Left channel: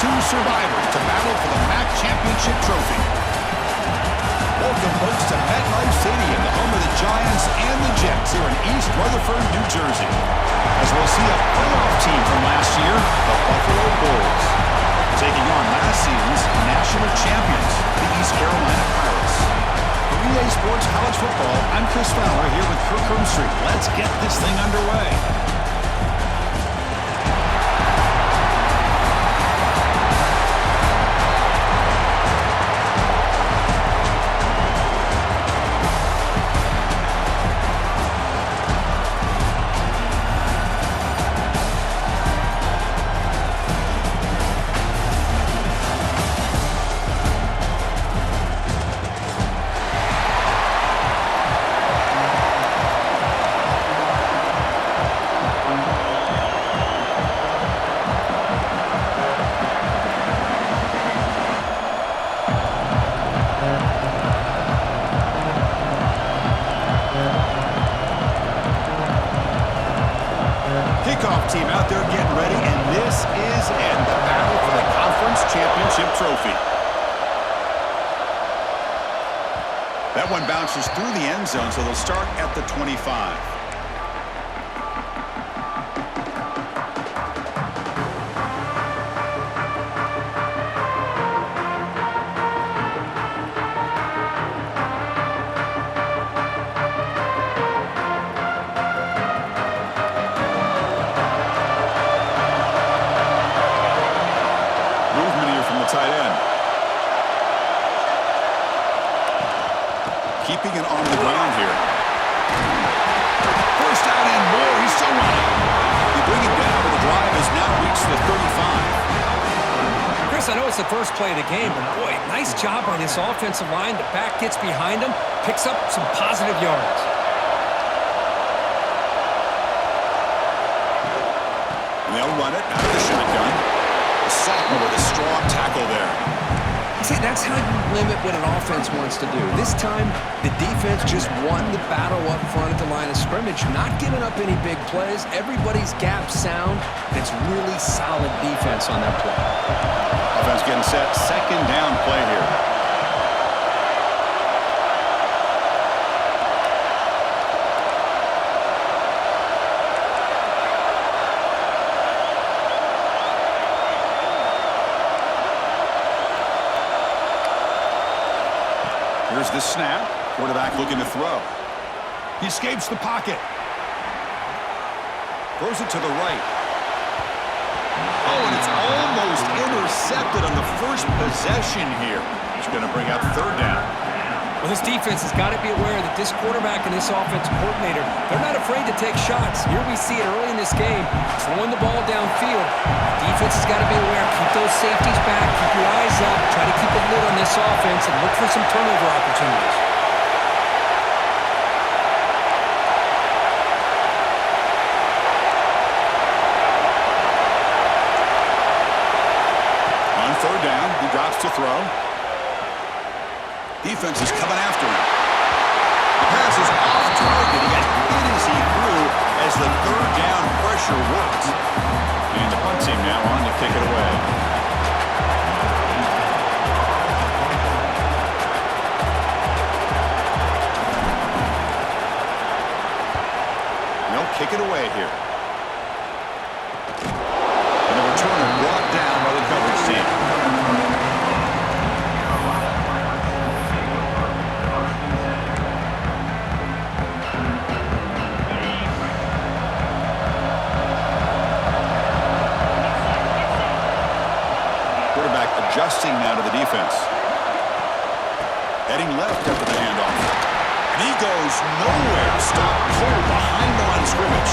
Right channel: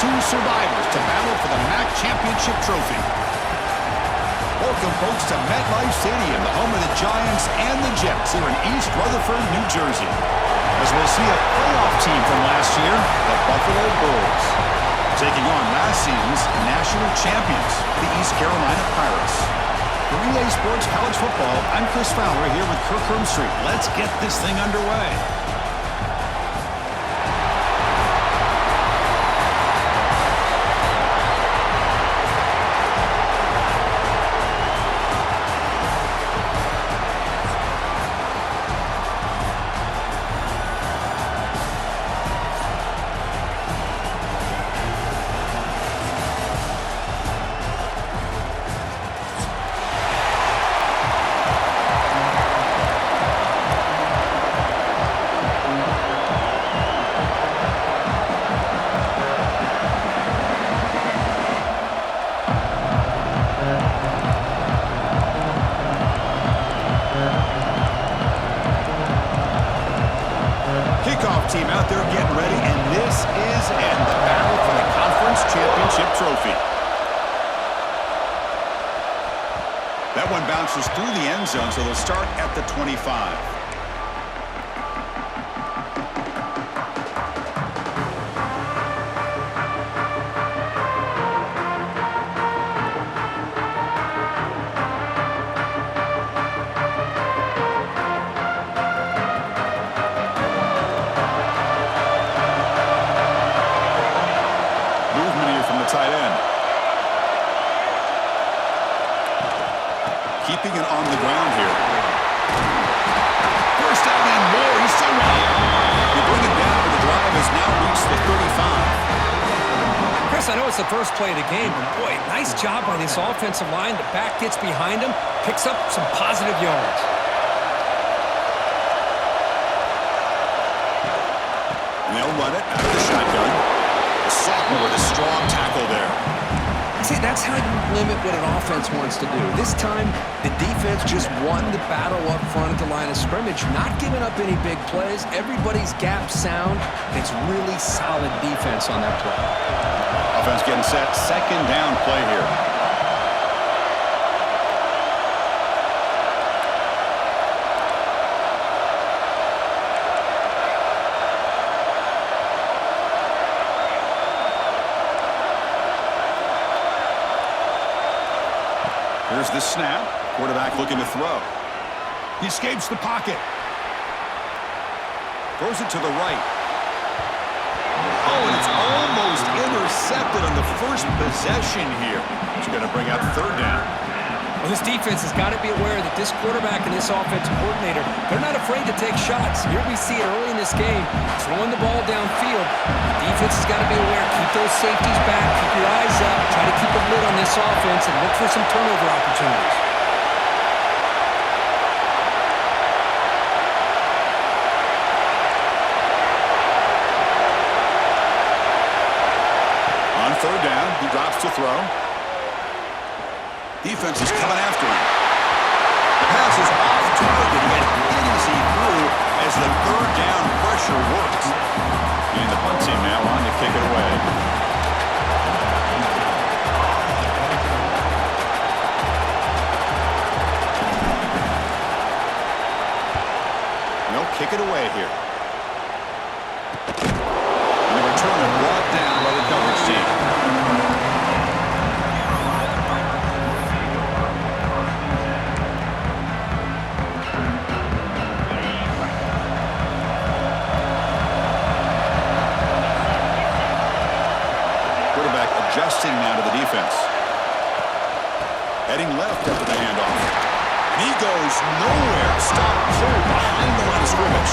two survivors to battle for the MAC Championship trophy. Welcome, folks, to MetLife Stadium, the home of the Giants and the Jets here in East Rutherford, New Jersey. As we'll see a playoff team from last year, the Buffalo Bulls, taking on last season's national champions, the East Carolina Pirates. For EA Sports College Football, I'm Chris Fowler here with Kirk Herbstreit. Let's get this thing underway. Kickoff team out there getting ready, and this is the battle for the conference championship trophy. That one bounces through the end zone, so they'll start at the 25. Tight end. Keeping it on the ground here. First down and more. He's still running. They bring it down, but the drive has now reached the 35. Chris, I know it's the first play of the game, but boy, nice job by this offensive line. The back gets behind him, picks up some positive yards. And they'll run it out of the shotgun. Sophomore with a strong tackle there. See, that's how you limit what an offense wants to do. This time, the defense just won the battle up front at the line of scrimmage, not giving up any big plays. Everybody's gap sound. It's really solid defense on that play. Offense getting set. Second down play here. Here's the snap. Quarterback looking to throw. He escapes the pocket. Throws it to the right. Oh, and it's almost intercepted on the first possession here. It's going to bring out third down. Well, this defense has got to be aware that this quarterback and this offensive coordinator, they're not afraid to take shots. Here we see it early in this game, throwing the ball downfield. The defense has got to be aware. Keep those safeties back. Keep your eyes up. Try to keep a lid on this offense and look for some turnover opportunities. On third down, he drops to throw. Defense is coming after him. The pass is off target. He got hit as he threw as the third down pressure worked. And the punt team now on to kick it away. They'll kick it away here. And the returner brought down by the coverage team. Adjusting now to the defense. Heading left after the handoff. And he goes nowhere. Stop cold behind the line of scrimmage.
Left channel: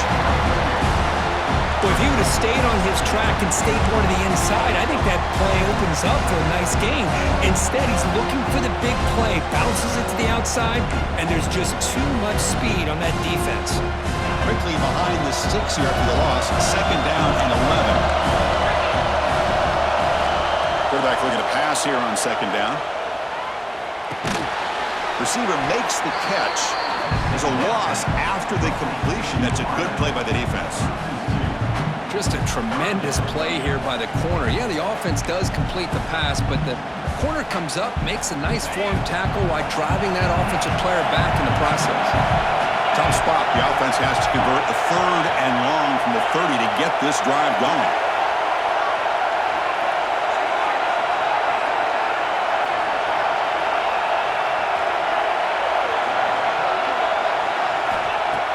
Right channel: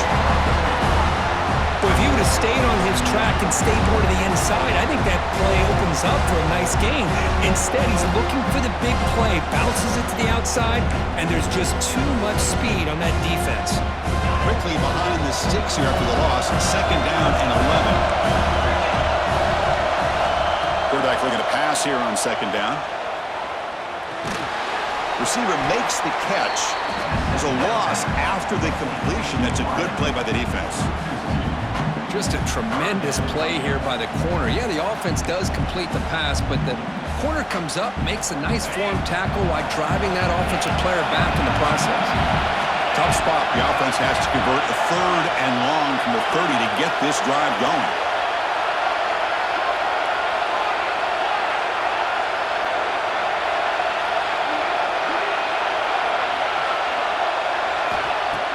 Well, if he would have stayed on his track and stayed more to the inside, I think that play opens up for a nice gain. Instead, he's looking for the big play, bounces it to the outside, and there's just too much speed on that defense. Quickly behind the sticks here after the loss. Second down and 11. Quarterback looking to pass here on second down. Receiver makes the catch. There's a loss after the completion. That's a good play by the defense. Just a tremendous play here by the corner. Yeah, the offense does complete the pass, but the corner comes up, makes a nice form tackle while driving that offensive player back in the process. Tough spot. The offense has to convert a 3rd and long from the 30 to get this drive going.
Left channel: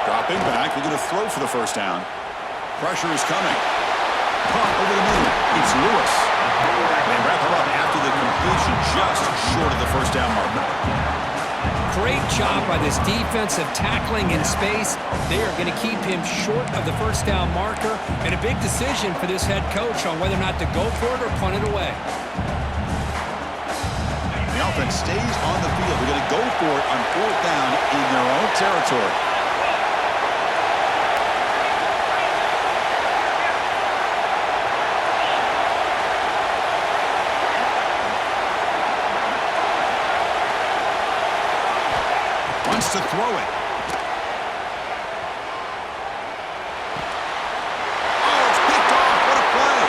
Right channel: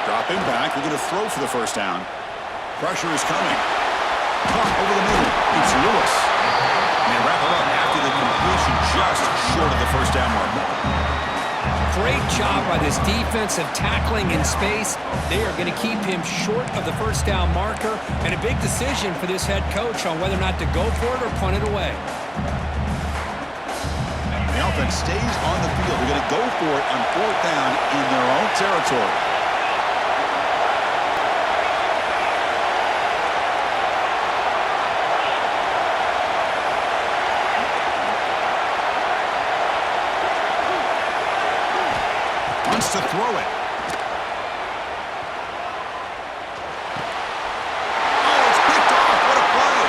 Dropping back, looking to throw for the first down. Pressure is coming. Caught over the middle. It's Lewis. And they wrap it up after the completion just short of the first down marker. Great job by this defensive tackling in space. They are going to keep him short of the first down marker, and a big decision for this head coach on whether or not to go for it or punt it away. The offense stays on the field. They're going to go for it on 4th down in their own territory. Wants to throw it. Oh, it's picked off. What a play.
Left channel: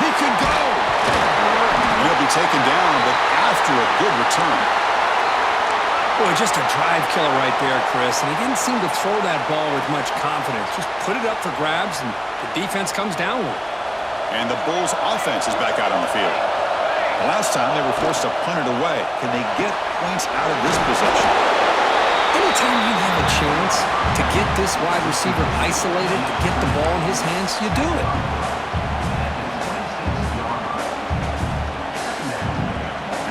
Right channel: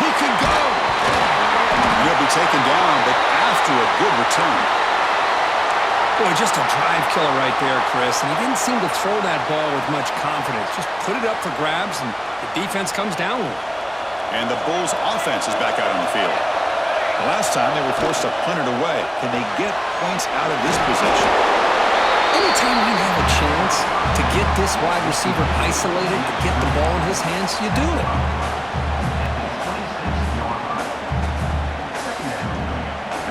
He can go. And he'll be taken down, but after a good return. Boy, just a drive killer right there, Chris. And he didn't seem to throw that ball with much confidence. Just put it up for grabs, and the defense comes down with it. And the Bulls' offense is back out on the field. The last time they were forced to punt it away. Can they get points out of this possession? Anytime you have a chance to get this wide receiver isolated, to get the ball in his hands, you do it.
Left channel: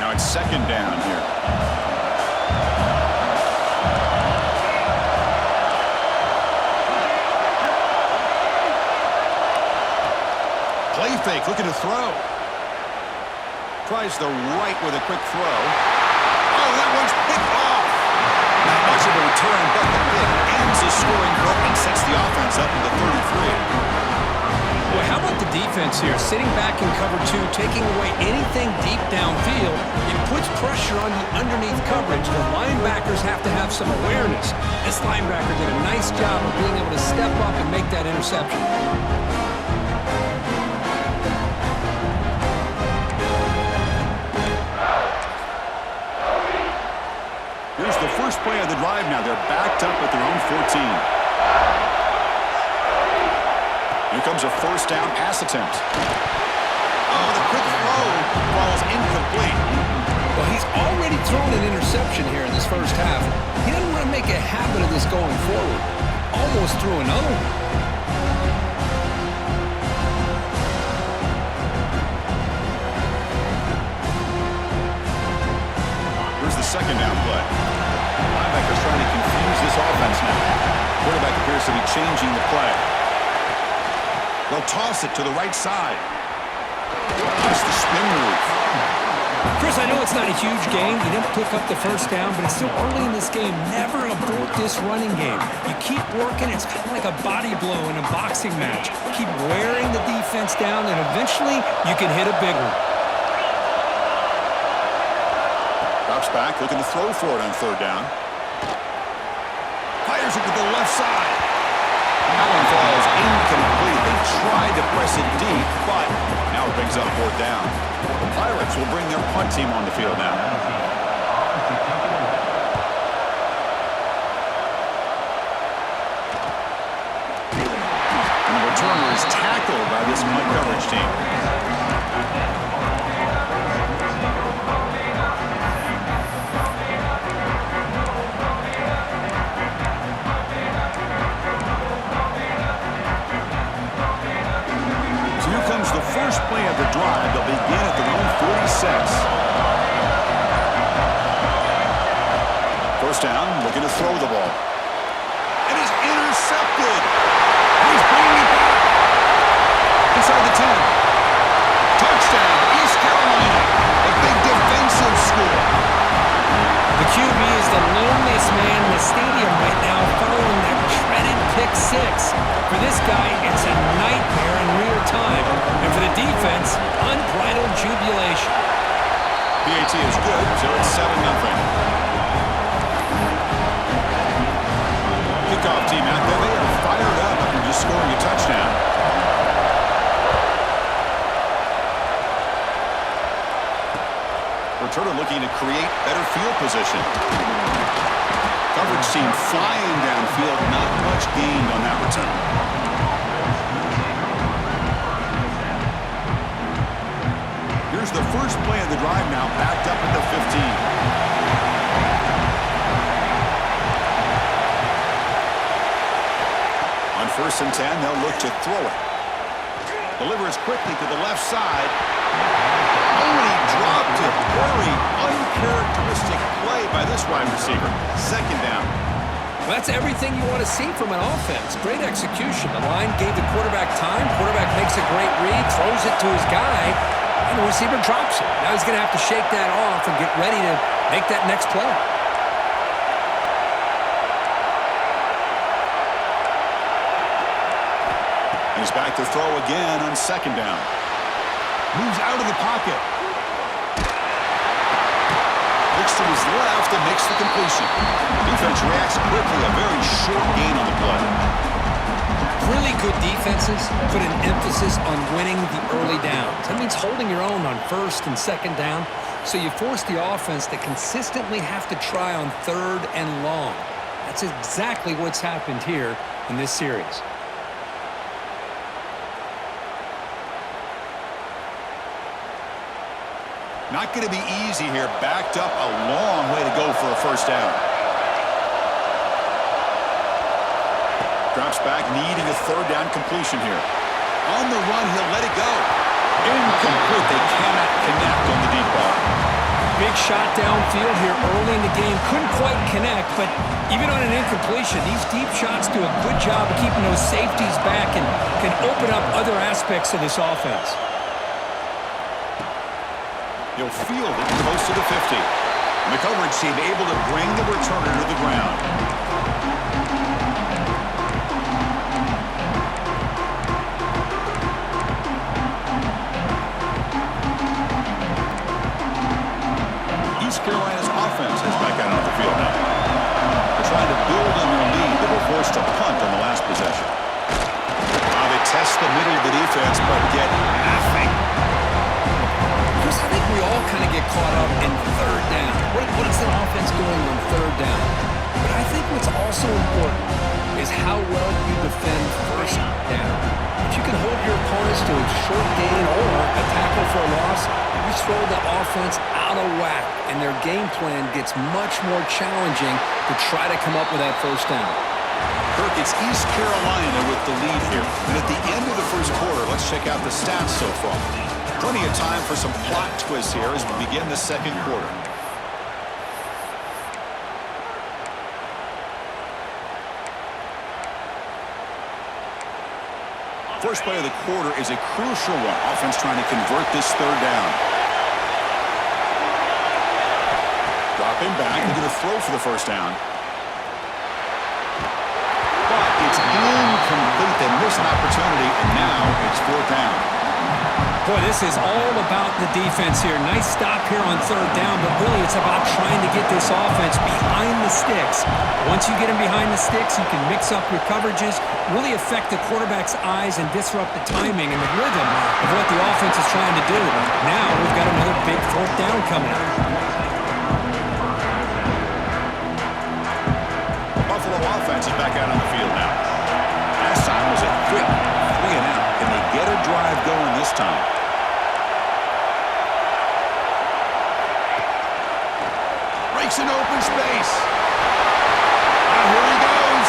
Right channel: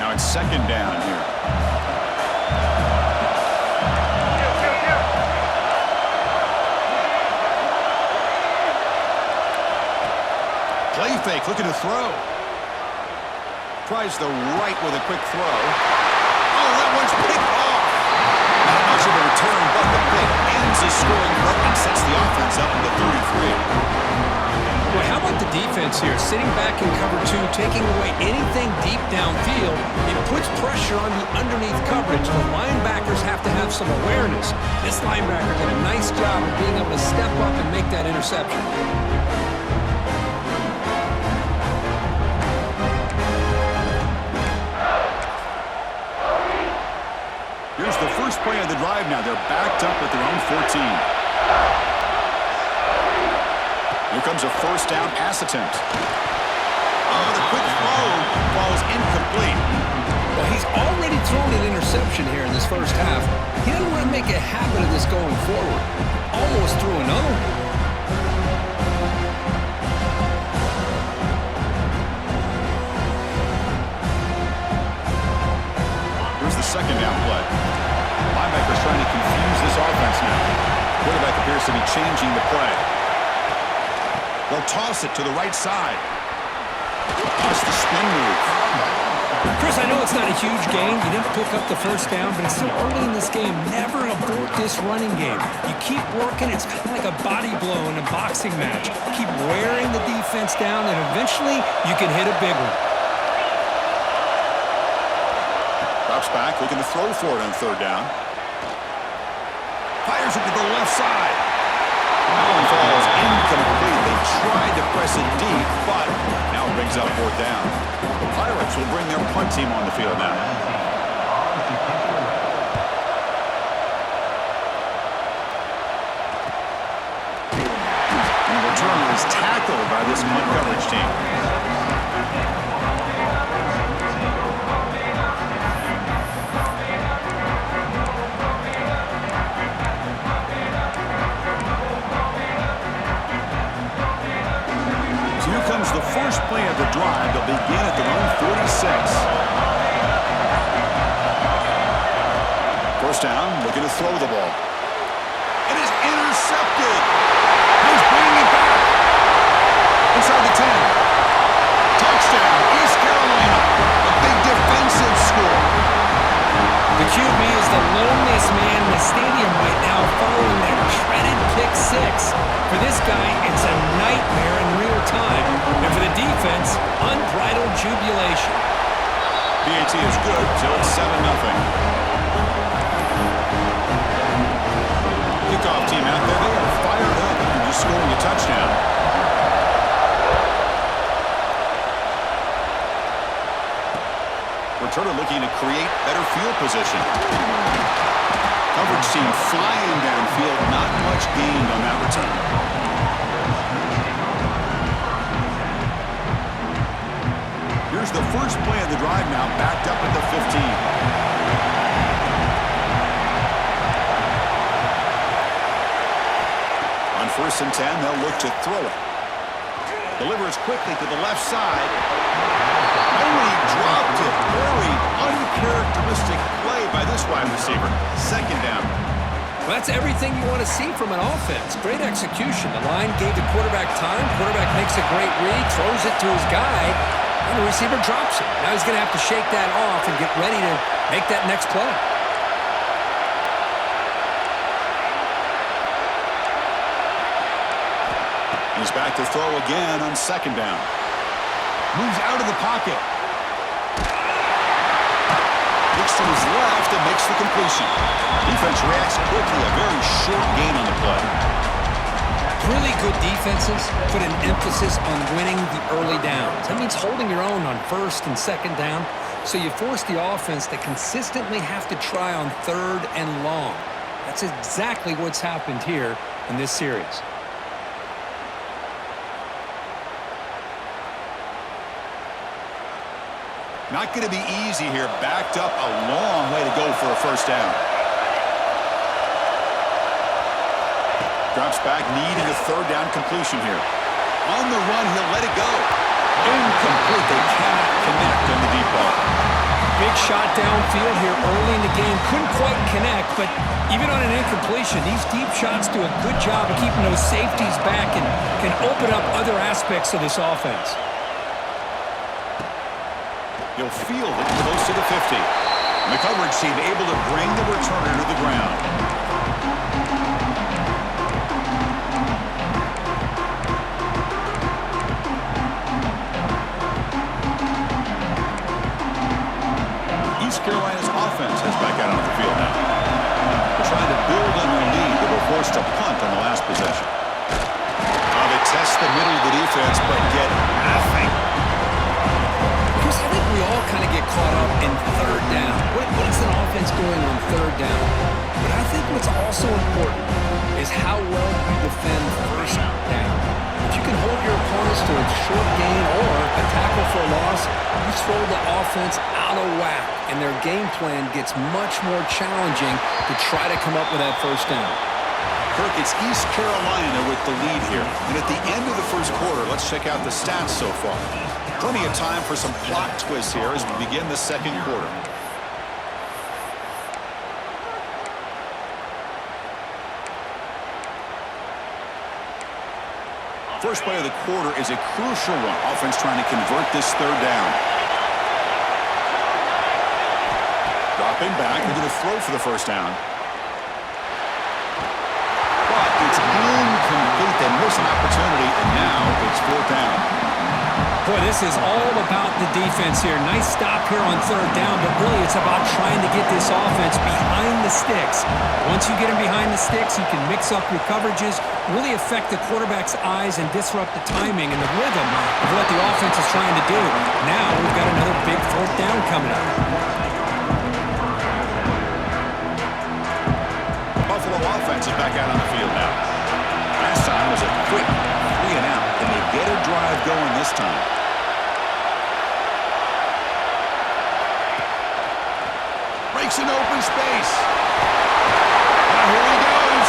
Now it's 2nd down here. Play fake, looking to throw. Tries the right with a quick throw. Oh, that one's picked off. Not much of a return, but the pick ends the scoring drive and sets the offense up into 33. Well, how about the defense here? Sitting back in cover 2, taking away anything deep downfield. It puts pressure on the underneath coverage. The linebackers have to have some awareness. This linebacker did a nice job of being able to step up and make that interception. Here's the first play of the drive now. They're backed up at their own 14. Here comes a 1st down pass attempt. Oh, the quick throw falls incomplete. Well, he's already thrown an interception here in this first half. He doesn't want to make a habit of this going forward. Almost threw another one. Here's the 2nd down play. Linebackers trying to confuse this offense now. Quarterback appears to be changing the play. They'll toss it to the right side. That's the spin move. Chris, I know it's not a huge game. You didn't pick up the first down, but it's still early in this game. Never abort this running game. You keep working. It's kind of like a body blow in a boxing match. Keep wearing the defense down, and eventually you can hit a big one. Drops back, looking to throw for it on 3rd down. Fires it to the left side. That one falls incomplete. They tried to press it deep, but now it brings up 4th down. The Pirates will bring their punt team on the field now. And the returner is tackled by this punt coverage team. The first play of the drive. They'll begin at their own 46. 1st down, looking to throw the ball. It is intercepted. He's bringing it back. Inside the 10. Touchdown, East Carolina. A big defensive score. The QB is the loneliest man in the stadium right now following that dreaded pick 6. For this guy, it's a nightmare in real time. And for the defense, unbridled jubilation. PAT is good, so it's 7-0. Kickoff team out there, they are fired up after just scoring a touchdown. Returner looking to create better field position. Coverage team flying downfield. Not much gained on that return. Here's the first play of the drive now, backed up at the 15. On 1st and 10, they'll look to throw it. Delivers quickly to the left side. Oh, and he dropped it. Very uncharacteristic play by this wide receiver. 2nd down. Well, that's everything you want to see from an offense. Great execution. The line gave the quarterback time. Quarterback makes a great read, throws it to his guy, and the receiver drops it. Now he's going to have to shake that off and get ready to make that next play. He's back to throw again on 2nd down. Moves out of the pocket. Looks to his left and makes the completion. Defense reacts quickly. A very short gain on the play. Really good defenses put an emphasis on winning the early downs. That means holding your own on 1st and 2nd down. So you force the offense to consistently have to try on 3rd and long. That's exactly what's happened here in this series. Not going to be easy here. Backed up a long way to go for a 1st down. Drops back, needing a 3rd down completion here. On the run, he'll let it go. Incomplete. They cannot connect on the deep ball. Big shot downfield here early in the game. Couldn't quite connect, but even on an incompletion, these deep shots do a good job of keeping those safeties back and can open up other aspects of this offense. He'll field it close to the 50. And the coverage team able to bring the returner to the ground. East Carolina's offense has back out on the field now. They're trying to build on their lead. They were forced to punt on the last possession. They test the middle of the defense, but get nothing. I think we all kind of get caught up in 3rd down. What is an offense doing on 3rd down? But I think what's also important is how well you defend 1st down. If you can hold your opponents to a short gain or a tackle for a loss, you throw the offense out of whack, and their game plan gets much more challenging to try to come up with that 1st down. Kirk, it's East Carolina with the lead here. And at the end of the 1st quarter, let's check out the stats so far. Plenty of time for some plot twists here as we begin the 2nd quarter. First play of the quarter is a crucial one. Offense trying to convert this 3rd down. Dropping back. They're going to throw for the 1st down. But it's incomplete. They miss an opportunity, and now it's 4th down. Boy, this is all about the defense here. Nice stop here on 3rd down, but really it's about trying to get this offense behind the sticks. Once you get them behind the sticks, you can mix up your coverages, really affect the quarterback's eyes and disrupt the timing and the rhythm of what the offense is trying to do. Now we've got another big 4th down coming up. Buffalo offense is back out on the field now. Last time was a quick 3 and out. Can they get a drive going this time? Breaks an open space. Now here he goes.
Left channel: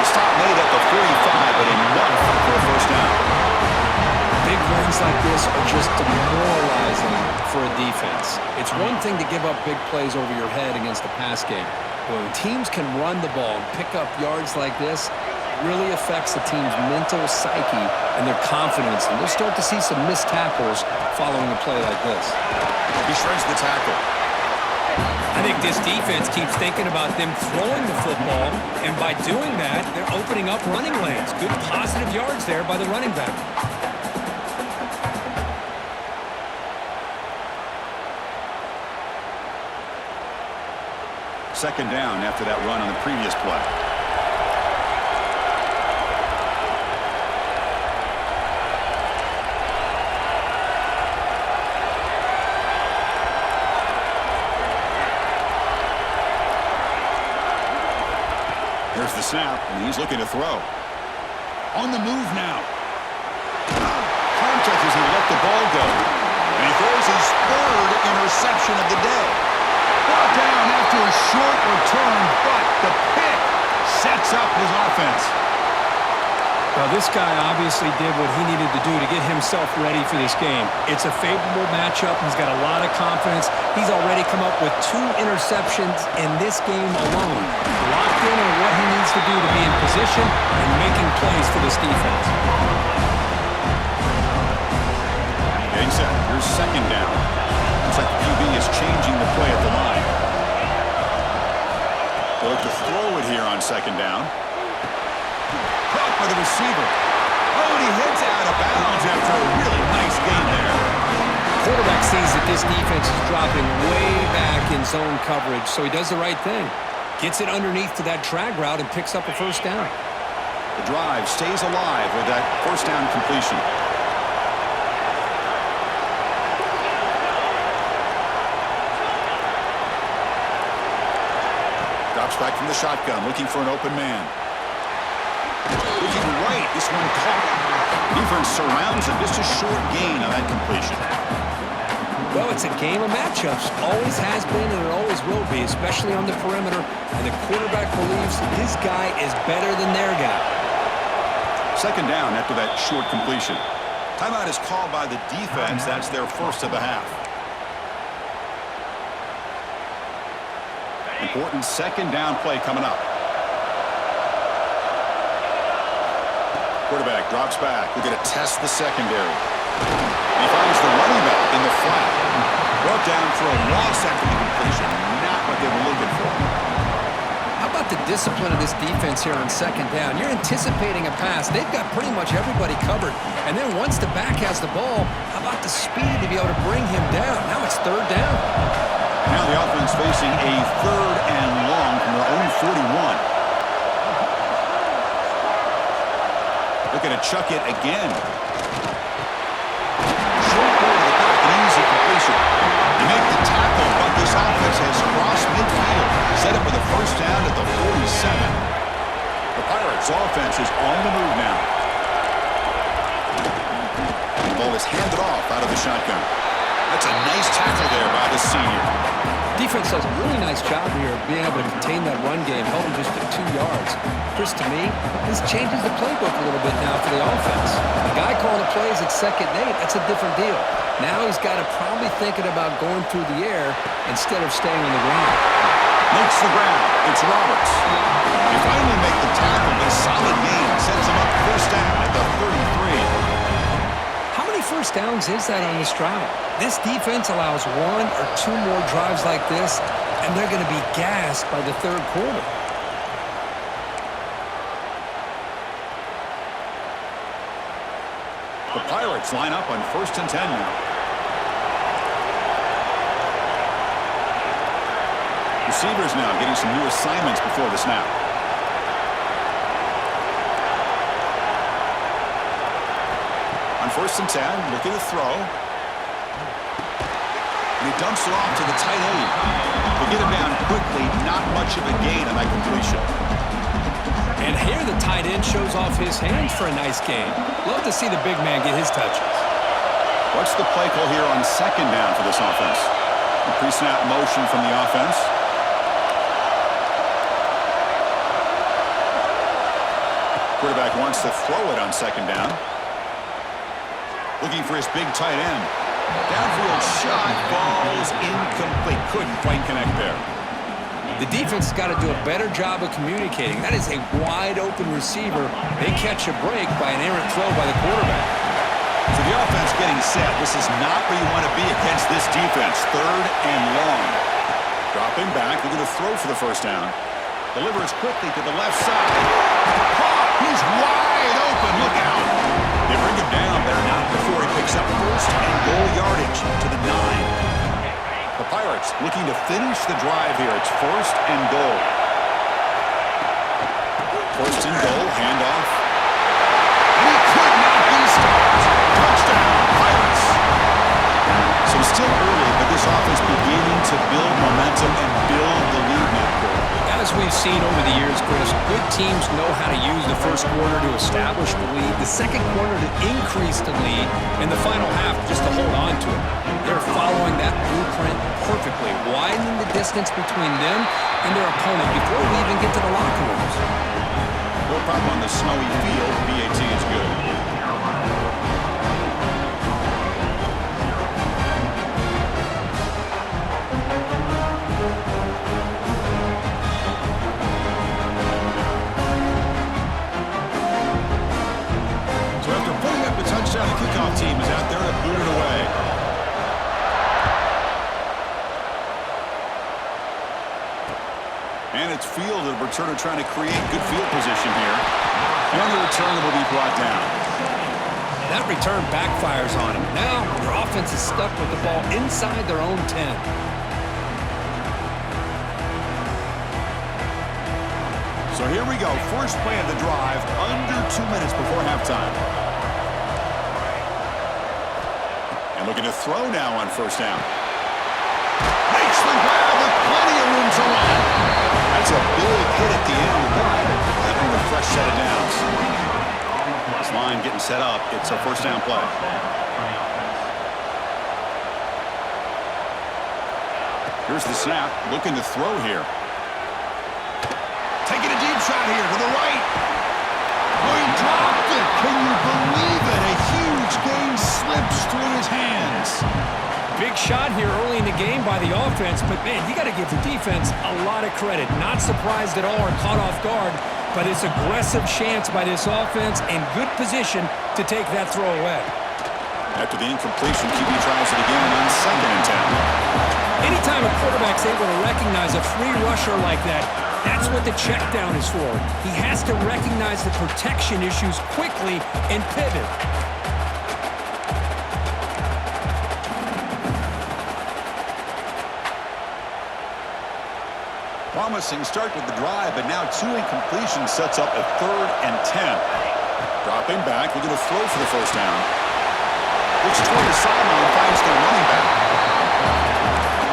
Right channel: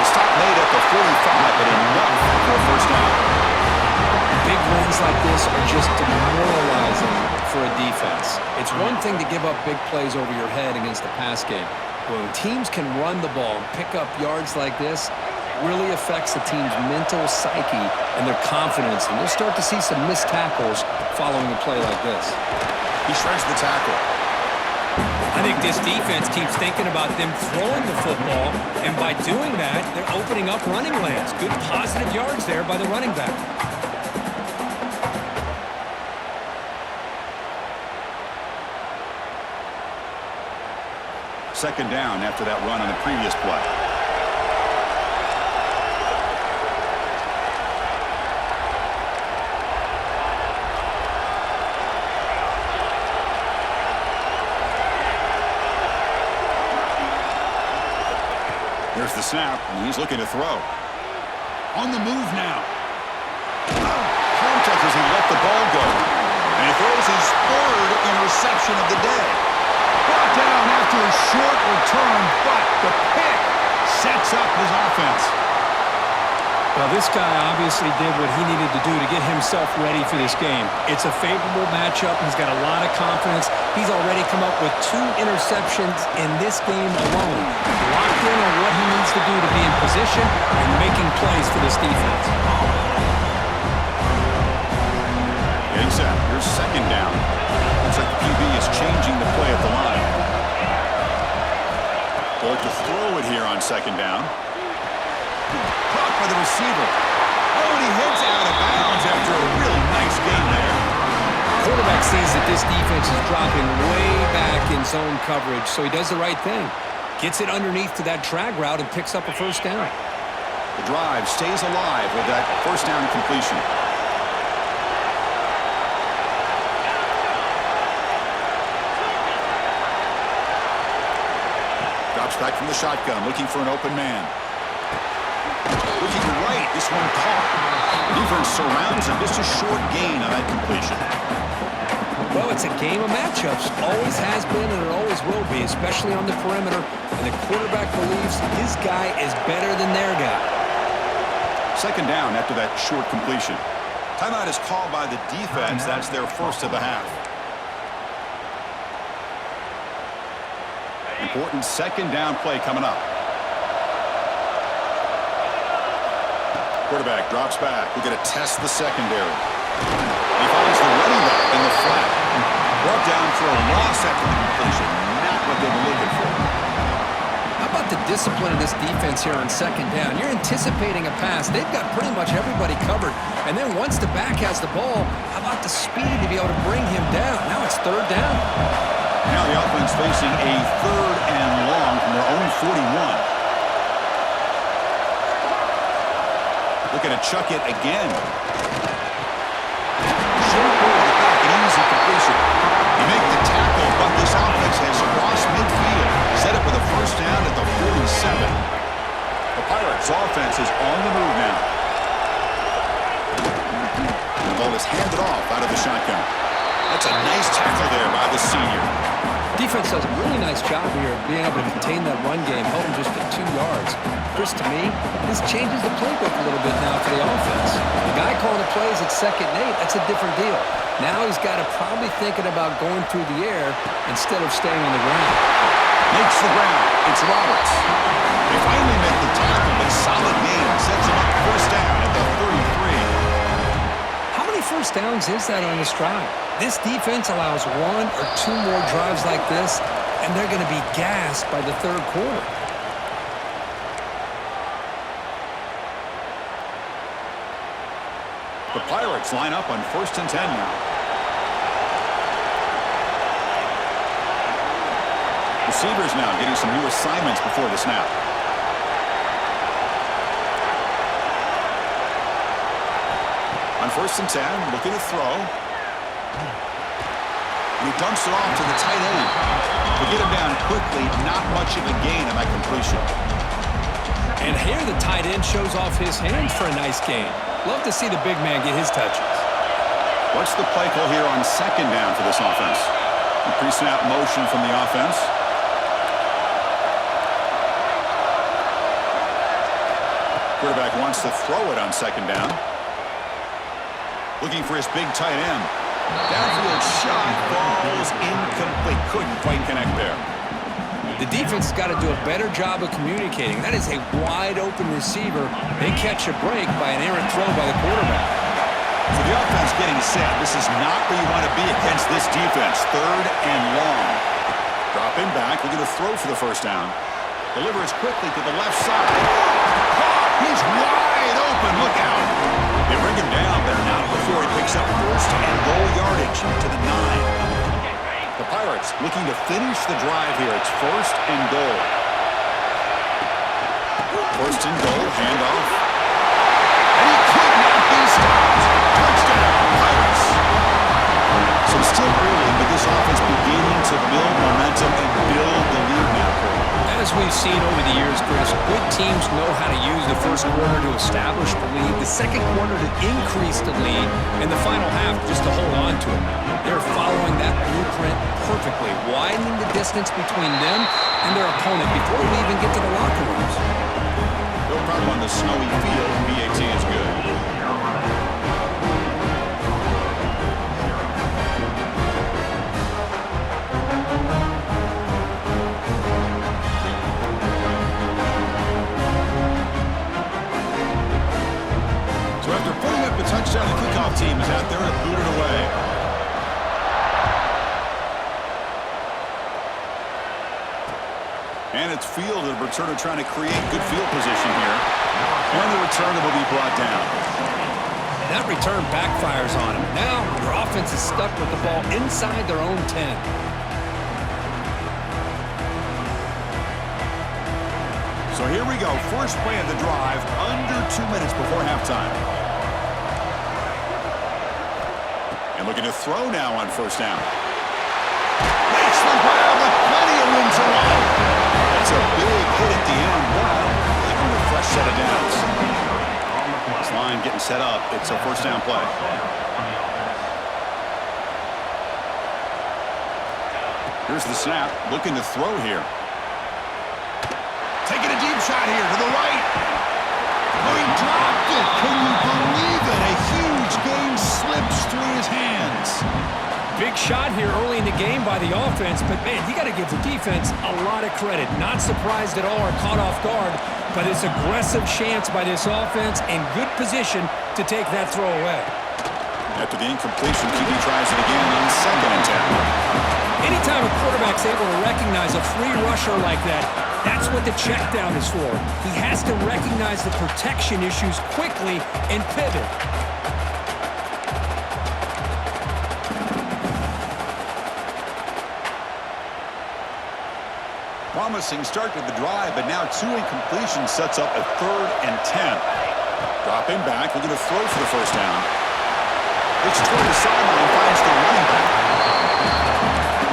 The stop made at the 45, but enough for a 1st down. Big wins like this are just demoralizing for a defense. It's one thing to give up big plays over your head against the pass game. When teams can run the ball and pick up yards like this, it really affects the team's mental psyche and their confidence. And you'll start to see some missed tackles following a play like this. He shreds the tackle. I think this defense keeps thinking about them throwing the football, and by doing that, they're opening up running lanes. Good positive yards there by the running back. Second down after that run on the previous play. Here's the snap, and he's looking to throw. On the move now. Contact as he let the ball go. And he throws his third interception of the day. Brought down after a short return, but the pick sets up his offense. Well, this guy obviously did what he needed to do to get himself ready for this game. It's a favorable matchup. He's got a lot of confidence. He's already come up with 2 interceptions in this game alone. Locked in on what he needs to do to be in position and making plays for this defense. Getting set. Here's second down. Looks like the QB is changing the play at the line. They'll look to throw it here on second down. Caught by the receiver. Oh, and he heads out of bounds after a really nice gain there. Quarterback sees that this defense is dropping way back in zone coverage, so he does the right thing. Gets it underneath to that drag route and picks up a first down. The drive stays alive with that first down completion. Drops back from the shotgun, looking for an open man. Looking right, this one caught. Defense surrounds him, just a short gain on that completion. Well, it's a game of matchups. Always has been and it always will be, especially on the perimeter. And the quarterback believes his guy is better than their guy. Second down after that short completion. Timeout is called by the defense. That's their first of the half. Important second down play coming up. Quarterback drops back. We're going to test the secondary. He finds the running back in the flat. Brought down for a loss after the completion. Not what they were looking for. How about the discipline of this defense here on second down? You're anticipating a pass. They've got pretty much everybody covered. And then once the back has the ball, how about the speed to be able to bring him down? Now it's third down. Now the offense facing a third and long from their own 41. Looking to chuck it again. Short ball to the back, an easy completion. You make the tackle, but this offense has crossed midfield. Set up with a first down at the 47. The Pirates' offense is on the move now. The ball is handed off out of the shotgun. That's a nice tackle there by the senior. Defense does a really nice job here of being able to contain that run game, held him just at 2 yards. Chris, to me, this changes the playbook a little bit now for the offense. The guy calling the plays at 2nd and 8, that's a different deal. Now he's got to probably thinking about going through the air instead of staying on the ground. Makes the ground. It's Roberts. They finally make the tackle, but a solid gain sets him up first down at the 33. How many first downs is that on this drive? This defense allows 1 or 2 more drives like this, and they're going to be gassed by the third quarter. The Pirates line up on 1st and 10 now. Receivers now getting some new assignments before the snap. On 1st and 10, looking to throw. And he dumps it off to the tight end. He'll get him down quickly. Not much of a gain on that completion. And here the tight end shows off his hands for a nice gain. Love to see the big man get his touches. What's the play call here on second down for this offense? A pre-snap motion from the offense. Quarterback wants to throw it on second down. Looking for his big tight end. Downfield shot falls incomplete. Couldn't quite connect there. The defense has got to do a better job of communicating. That is a wide-open receiver. They catch a break by an errant throw by the quarterback. So the offense getting set. This is not where you want to be against this defense. Third and long. Dropping back, looking to throw for the first down. Delivers quickly to the left side. Caught! He's wide open. Look out. They bring him down there now before he picks up first and goal yardage to the 9. The Pirates looking to finish the drive here. It's 1st and goal. 1st and goal, handoff. And he could not be stopped. Touchdown, Pirates. So it's still early, but this offense beginning to build momentum and build the lead now. As we've seen over the years, Chris, good teams know how to use the first quarter to establish the lead, the second quarter to increase the lead, and the final half just to hold on to it. They're following that blueprint perfectly, widening the distance between them and their opponent before we even get to the locker rooms. No problem on the snowy field. BAT is good. So after putting up a touchdown, the kickoff team is out there to boot it away. And it's fielded. The returner trying to create good field position here. And the returner will be brought down. That return backfires on them. Now their offense is stuck with the ball inside their own 10. So here we go. First play of the drive, under 2 minutes before halftime. And looking to throw now on first down. Makes the grab with plenty of room to run. That's a big hit at the end, but having a fresh set of downs. This line getting set up. It's a first down play. Here's the snap. Looking to throw here. Taking a deep shot here to the right. Oh, he dropped it. Can you believe it? A huge gain slips through his hands. Big shot here early in the game by the offense, but, man, you got to give the defense a lot of credit. Not surprised at all or caught off guard, but it's aggressive chance by this offense and good position to take that throw away. After the incompletion, QB tries it again on 2nd and 10. Anytime a quarterback's able to recognize a free rusher like that, that's what the check down is for. He has to recognize the protection issues quickly and pivot. Promising start to the drive, but now 2 incompletions sets up a 3rd and 10. Dropping back, looking to throw for the first down. Looks toward the sideline, finds the running back.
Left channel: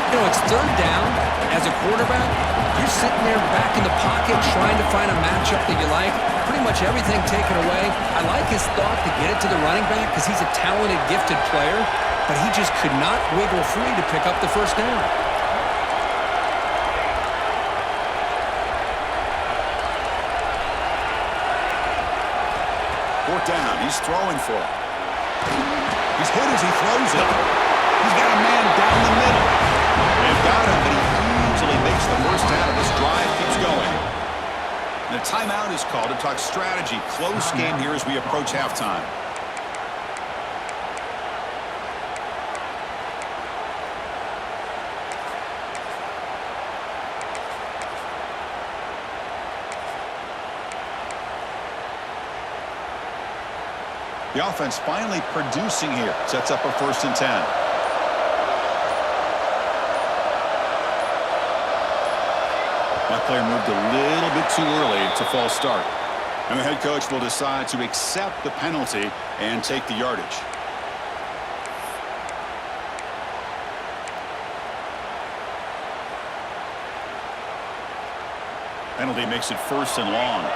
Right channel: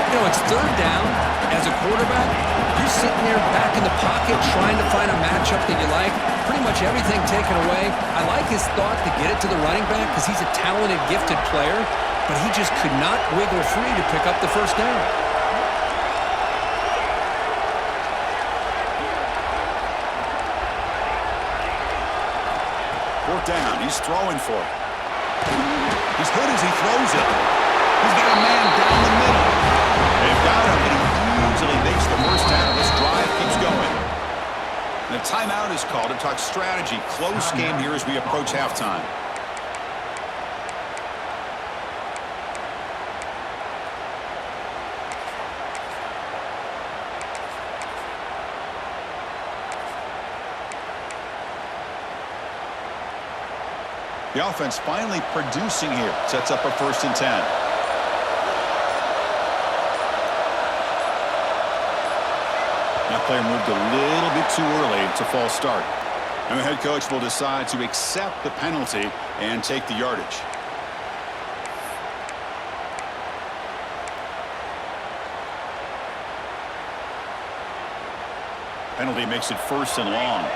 You know, it's 3rd down. As a quarterback, you're sitting there back in the pocket trying to find a matchup that you like. Pretty much everything taken away. I like his thought to get it to the running back because he's a talented, gifted player, but he just could not wiggle free to pick up the first down. Fourth down, he's throwing for it. He's hit as he throws it. He's got a man down the middle. They've got him, but he easily makes the first down, and this drive keeps going. And a timeout is called to talk strategy. Close game here as we approach halftime. The offense finally producing here. Sets up a 1st and 10. That player moved a little bit too early. It's a false start. And the head coach will decide to accept the penalty and take the yardage. Penalty makes it 1st and long.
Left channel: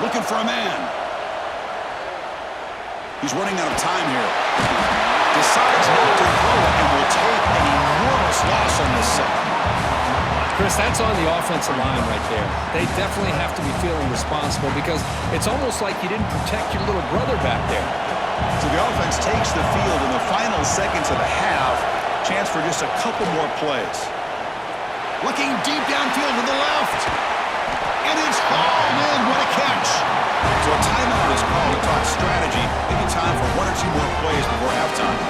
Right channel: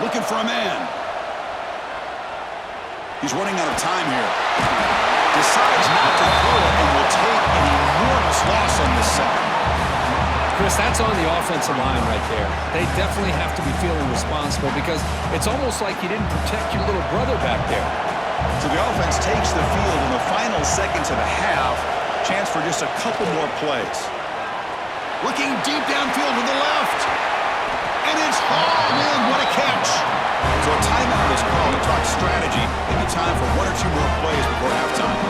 Looking for a man. He's running out of time here. Decides not to throw it and will take an enormous loss on this sack. Chris, that's on the offensive line right there. They definitely have to be feeling responsible because it's almost like you didn't protect your little brother back there. So the offense takes the field in the final seconds of the half. Chance for just a couple more plays. Looking deep downfield to the left. And it's hauled in. What a catch. So a timeout is called to talk strategy. Maybe time for 1 or 2 more plays before halftime.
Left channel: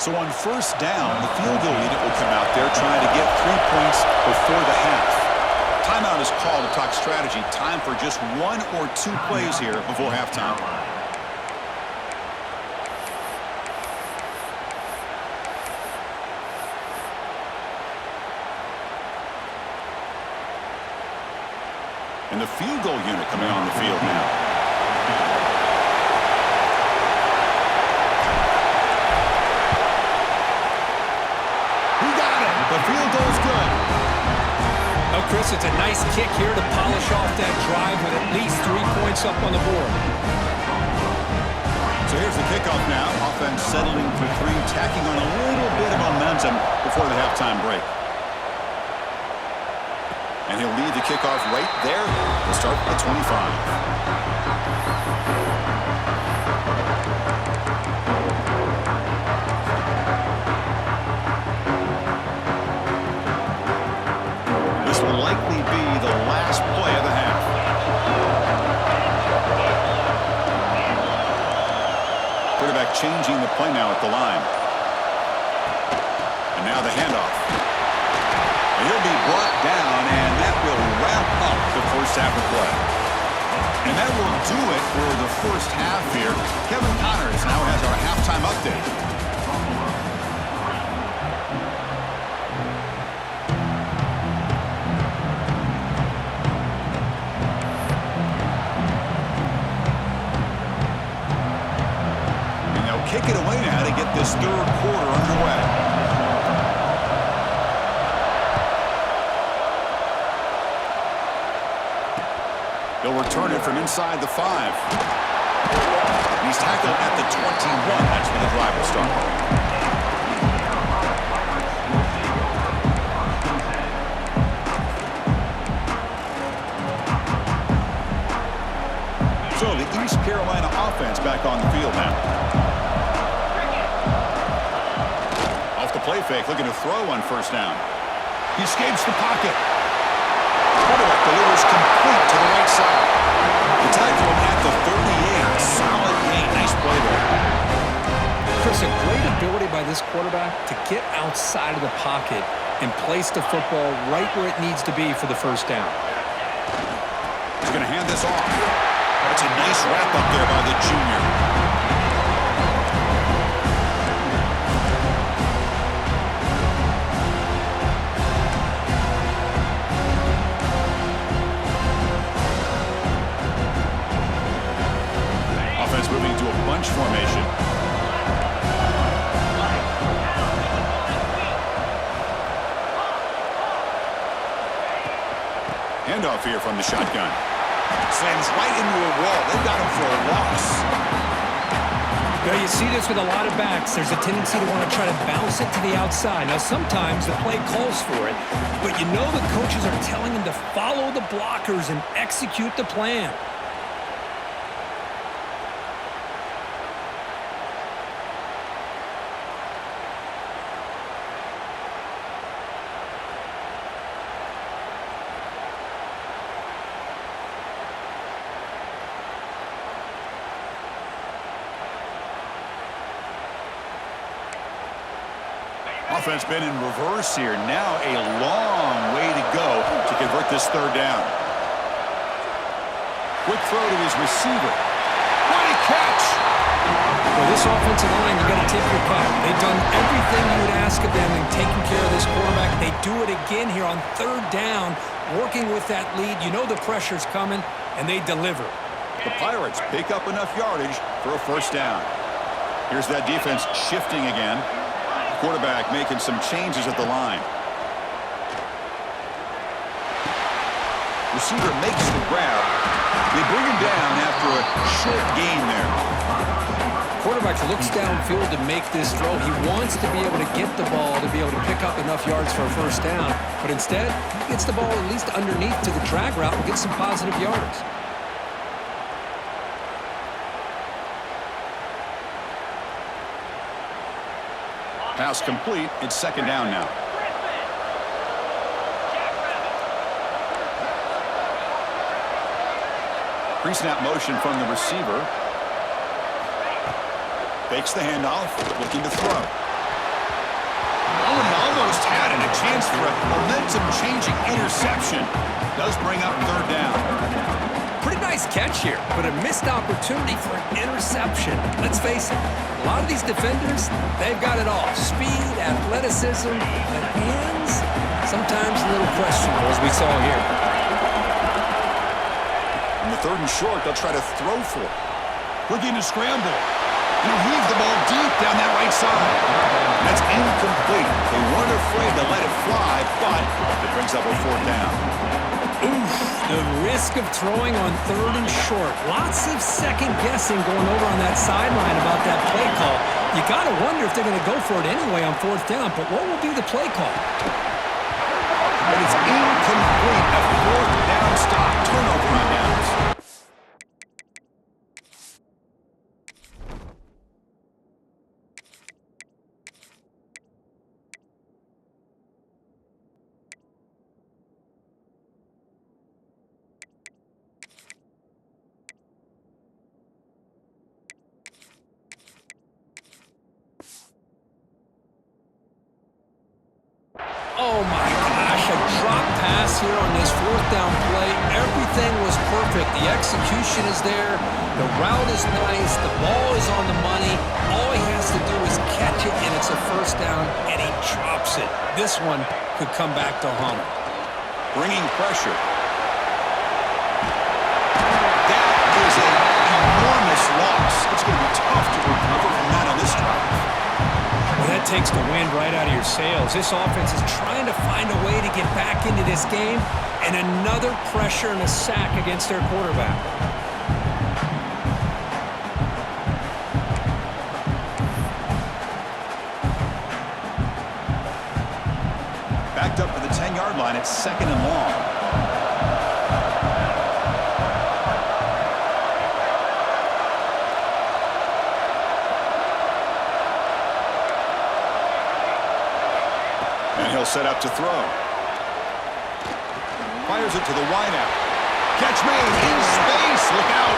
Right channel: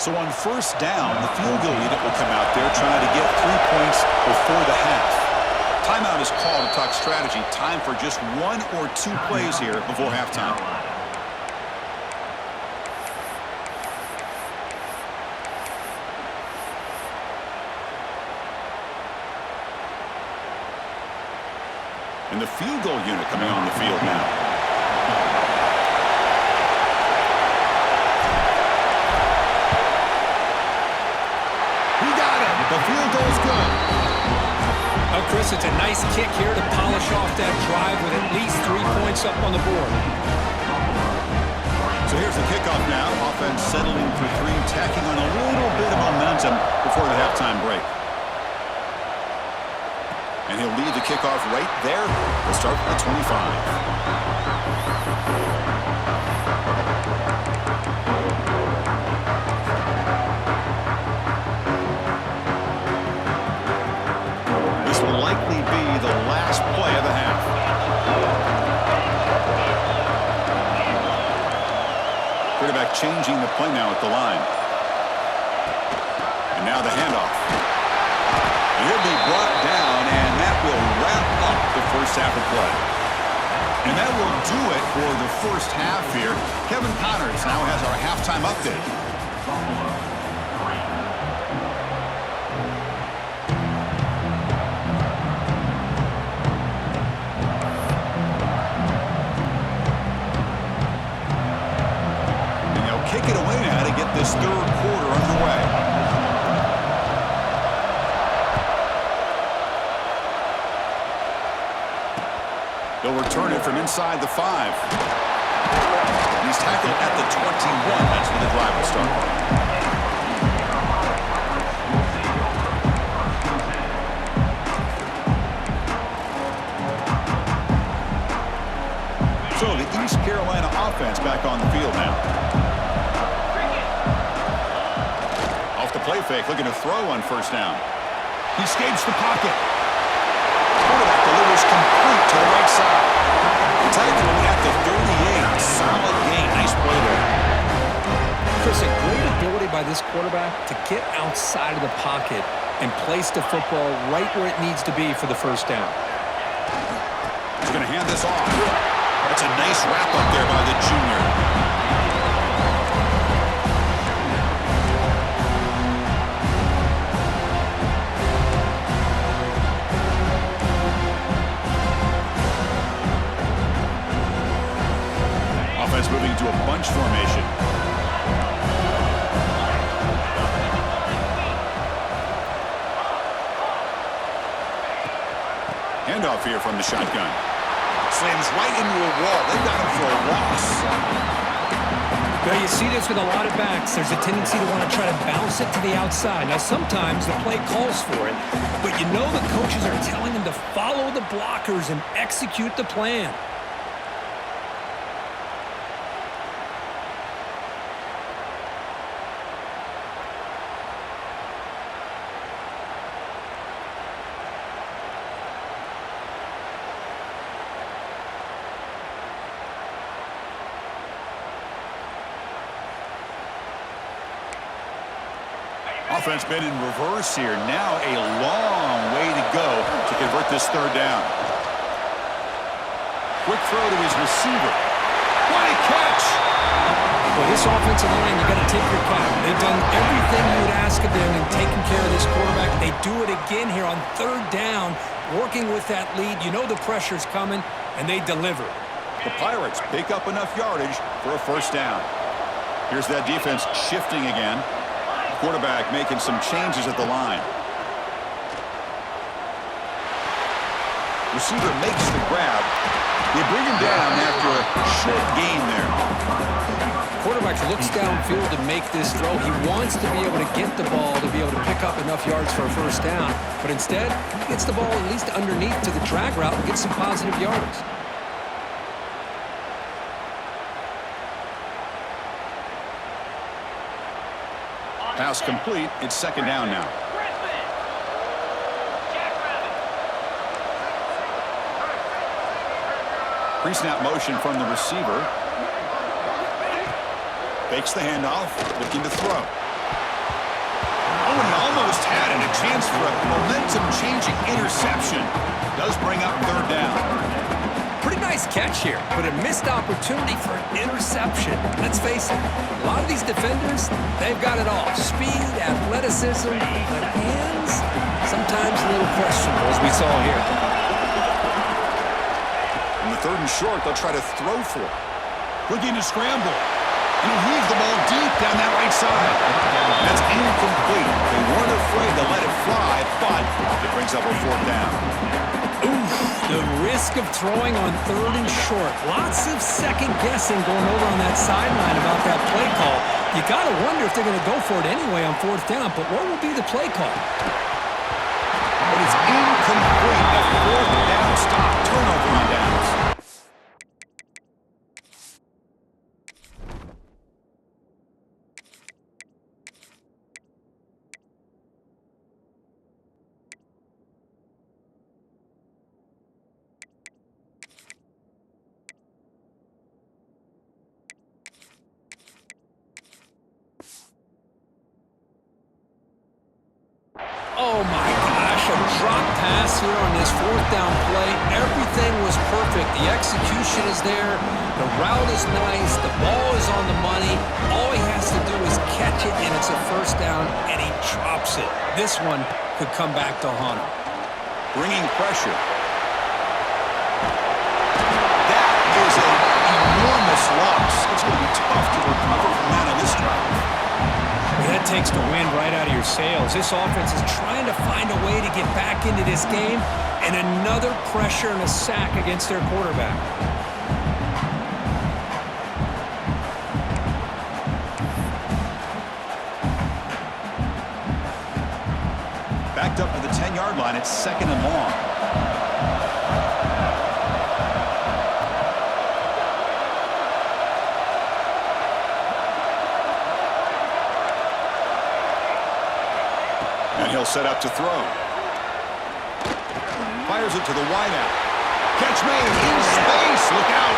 So on first down, the field goal unit will come out there trying to get 3 points before the half. Timeout is called to talk strategy. Time for just 1 or 2 plays here before halftime. And the field goal unit coming on the field now. He got it. The field goal's good. Oh, Chris, it's a nice kick here to polish off that drive with at least 3 points up on the board. So here's the kickoff now. Offense settling for 3, tacking on a little bit of momentum before the halftime break. And he'll lead the kickoff right there. We'll start at 25. This will likely be the last play of the half. Quarterback changing the play now at the line. And now the handoff. And he'll be brought down, and that will wrap up the first half of play. And that will do it for the first half here. Kevin Connors now has our halftime update. And they'll kick it away now to get this third quarter underway. He'll return it from inside the 5. And he's tackled at the 21. That's where the drive will start. So the East Carolina offense back on the field now. Off the play fake, looking to throw on first down. He escapes the pocket. Quarterback delivers complete to the right side. They tackle him at the 38. Solid gain. Nice play there. Chris, a great ability by this quarterback to get outside of the pocket and place the football right where it needs to be for the first down. He's going to hand this off. That's a nice wrap up there by the junior. Offense moving into a bunch formation. Handoff here from the shotgun. Slams right into a wall. They've got him for a loss. Well, you see this with a lot of backs. There's a tendency to want to try to bounce it to the outside. Now, sometimes the play calls for it, but you know the coaches are telling them to follow the blockers and execute the plan. Offense been in reverse here. Now a long way to go to convert this third down. Quick throw to his receiver. What a catch! Well, this offensive line, you got to tip your cap. They've done everything you would ask of them in taking care of this quarterback. They do it again here on third down, working with that lead. You know the pressure's coming, and they deliver. The Pirates pick up enough yardage for a first down. Here's that defense shifting again. Quarterback making some changes at the line. Receiver makes the grab. They bring him down after a short gain there. Quarterback looks downfield to make this throw. He wants to be able to get the ball to be able to pick up enough yards for a first down. But instead, he gets the ball at least underneath to the drag route and gets some positive yards. Pass complete. It's second down now. Pre-snap motion from the receiver. Fakes the handoff, looking to throw. Oh, and he almost had it. A chance for a momentum-changing interception. Does bring up third down. Pretty nice catch here, but a missed opportunity for an interception. Let's face it, a lot of these defenders, they've got it all. Speed, athleticism, but hands, sometimes a little questionable, as we saw here. third and short, they'll try to throw for it. Looking to scramble. And he'll heave the ball deep down that right side. That's incomplete. They weren't afraid to let it fly, but it brings up a fourth down. Oof, the risk of throwing on third and short. Lots of second guessing going over on that sideline about that play call. You got to wonder if they're going to go for it anyway on fourth down, but what will be the play call? But it's incomplete. A fourth down stop. Turnover on downs. Oh my gosh, a drop pass here on this fourth down play. Everything was perfect. The execution is there. The route is nice. The ball is on the money. All he has to do is catch it, and it's a first down, and he drops it. This one could come back to haunt him. Bringing pressure. That is an enormous loss. It's going to be tough to recover from that on this drive. Well, that takes the wind right out of your sails. This offense is trying to find a way to get back into this game, and another pressure and a sack against their quarterback. Backed up to the 10-yard line. It's second and long. And he'll set up to throw. Fires it to the wideout. Catch made in space. Look out.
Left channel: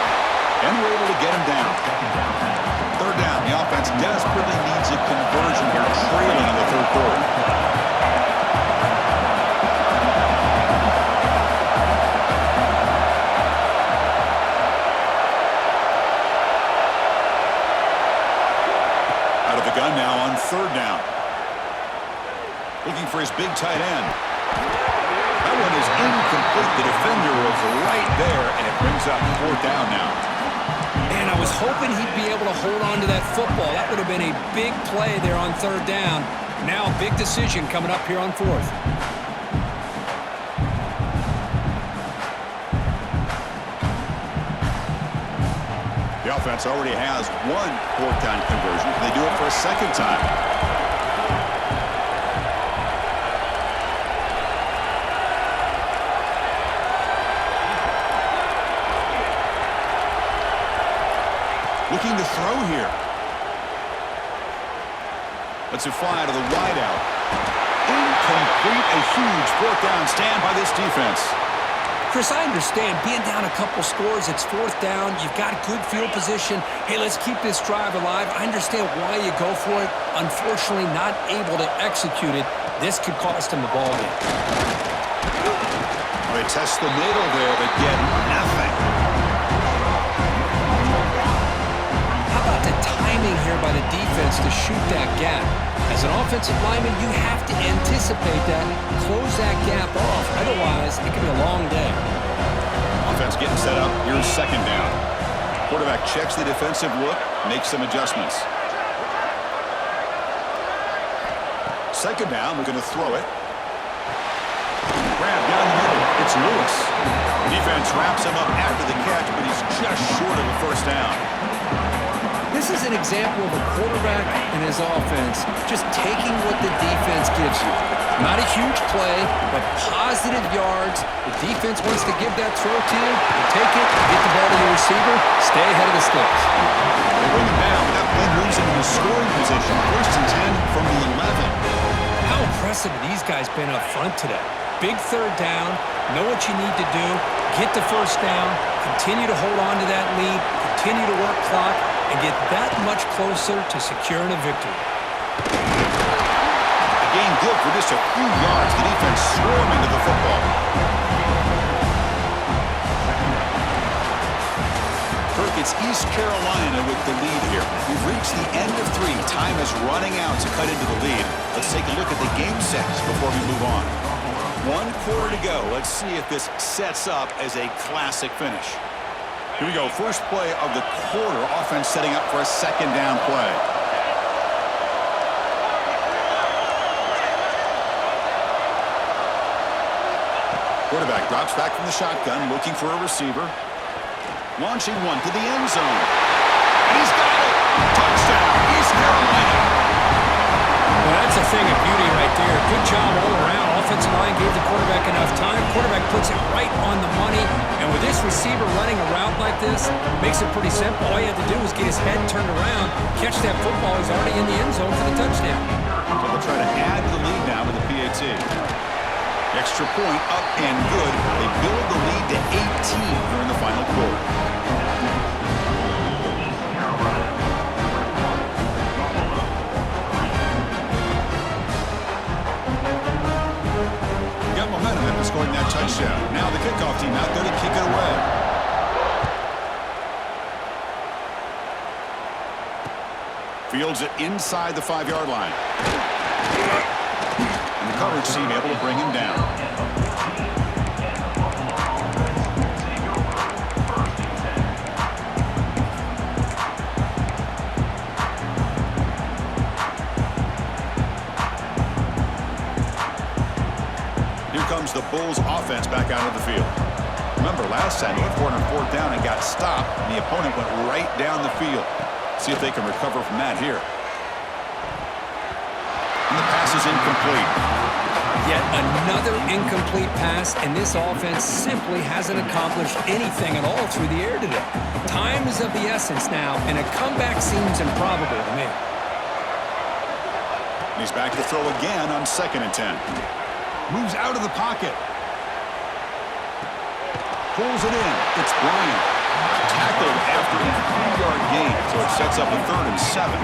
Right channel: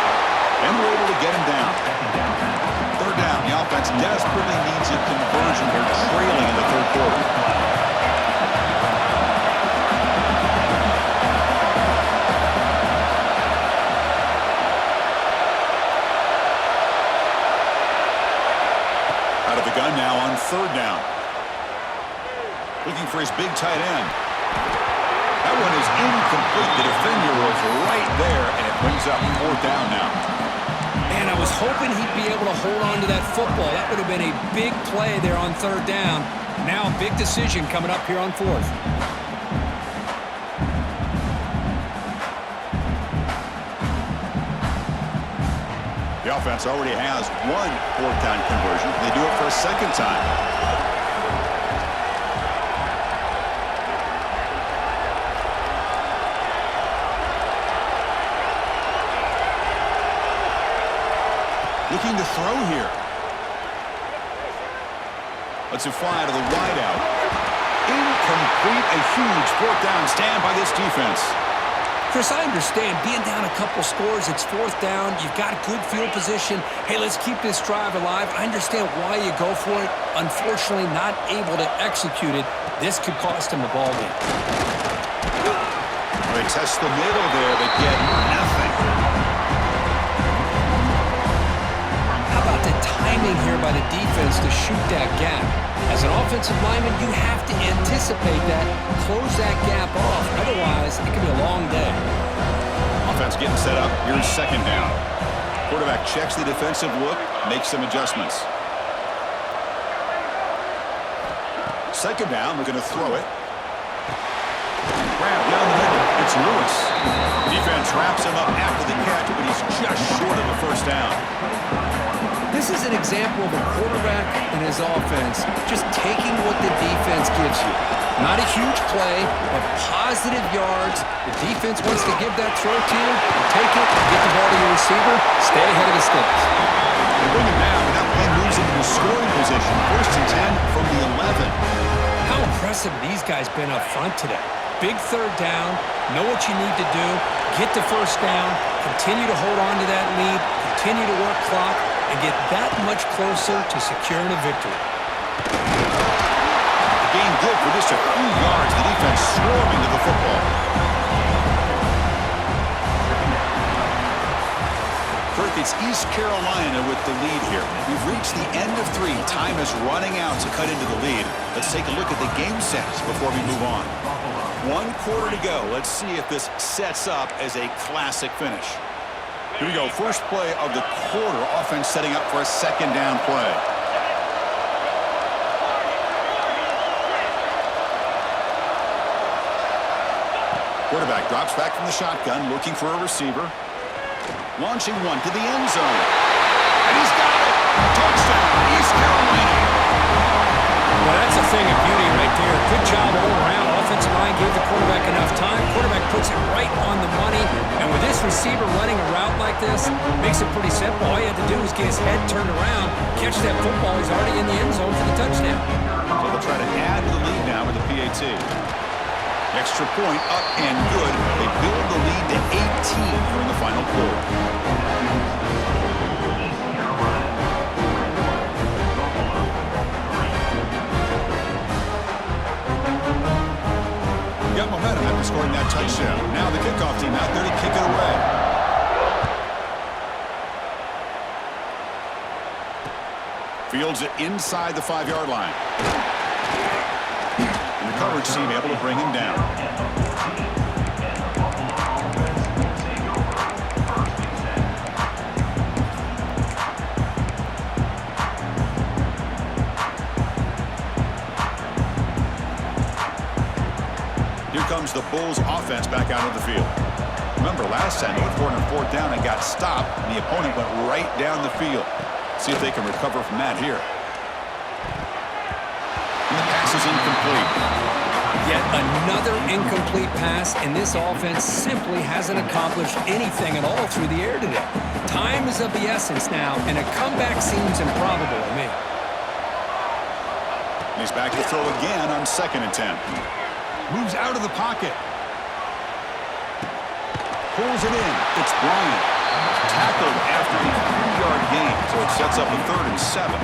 And we're able to get him down. Third down. The offense desperately needs a conversion here, trailing in the third quarter. Out of the gun now on third down. Looking for his big tight end. That one is incomplete. The defender was right there, and it brings up fourth down now. Man, I was hoping he'd be able to hold on to that football. That would have been a big play there on third down. Now a big decision coming up here on fourth. The offense already has one fourth down conversion. Can they do it for a second time? Looking to throw here. Lets it fly to the wideout. Incomplete. A huge fourth down stand by this defense. Chris, I understand being down a couple scores, it's fourth down, you've got good field position. Hey, let's keep this drive alive. I understand why you go for it. Unfortunately, not able to execute it. This could cost him the ball game. Well, they test the middle there, but get nothing. How about the timing here by the defense to shoot that gap? As an offensive lineman, you have to anticipate that, close that gap off. Otherwise, it could be a long day. Offense getting set up. Here's second down. Quarterback checks the defensive look, makes some adjustments. Second down, we're going to throw it. Grab down the middle. It's Lewis. Defense wraps him up after the catch, but he's just short of a first down. This is an example of a quarterback and his offense just taking what the defense gives you. Not a huge play, but positive yards. The defense wants to give that throw to you. You take it, get the ball to your receiver, stay ahead of the sticks. They bring him down, but that play moves him into scoring position. First and 10 from the 11. How impressive have these guys been up front today? Big third down, know what you need to do, get the first down, continue to hold on to that lead, continue to work clock, and get that much closer to securing a victory. The game good for just a few yards. The defense swarming to the football. Kirk, it's East Carolina with the lead here. We've reached the end of 3. Time is running out to cut into the lead. Let's take a look at the game sets before we move on. 1 quarter to go. Let's see if this sets up as a classic finish. Here we go. First play of the quarter. Offense setting up for a second down play. Quarterback drops back from the shotgun, looking for a receiver. Launching one to the end zone. And he's got it! Touchdown, East Carolina! Well, that's a thing of beauty right there. Good job all around. Offensive line gave the quarterback enough time. Quarterback puts it right on the money. And with this receiver running a route like this, makes it pretty simple. All you had to do is get his head turned around, catch that football. He's already in the end zone for the touchdown. So they'll try to add to the lead now with the PAT. Extra point up and good. They build the lead to 18 here in the final quarter. Got momentum after scoring that touchdown. Now the kickoff team out there to kick it away. Fields it inside the 5-yard line. And the coverage team able to bring him down. Here comes the Bulls offense back out of the field. Remember, last time they went for it on 4th down and got stopped, and the opponent went right down the field. See if they can recover from that here. And the pass is incomplete. Yet another incomplete pass, and this offense simply hasn't accomplished anything at all through the air today. Time is of the essence now, and a comeback seems improbable to me. He's back to throw again on 2nd and 10. Moves out of the pocket. Pulls it in. It's Bryant. Tackled after a 3-yard gain, so it sets up a 3rd and 7.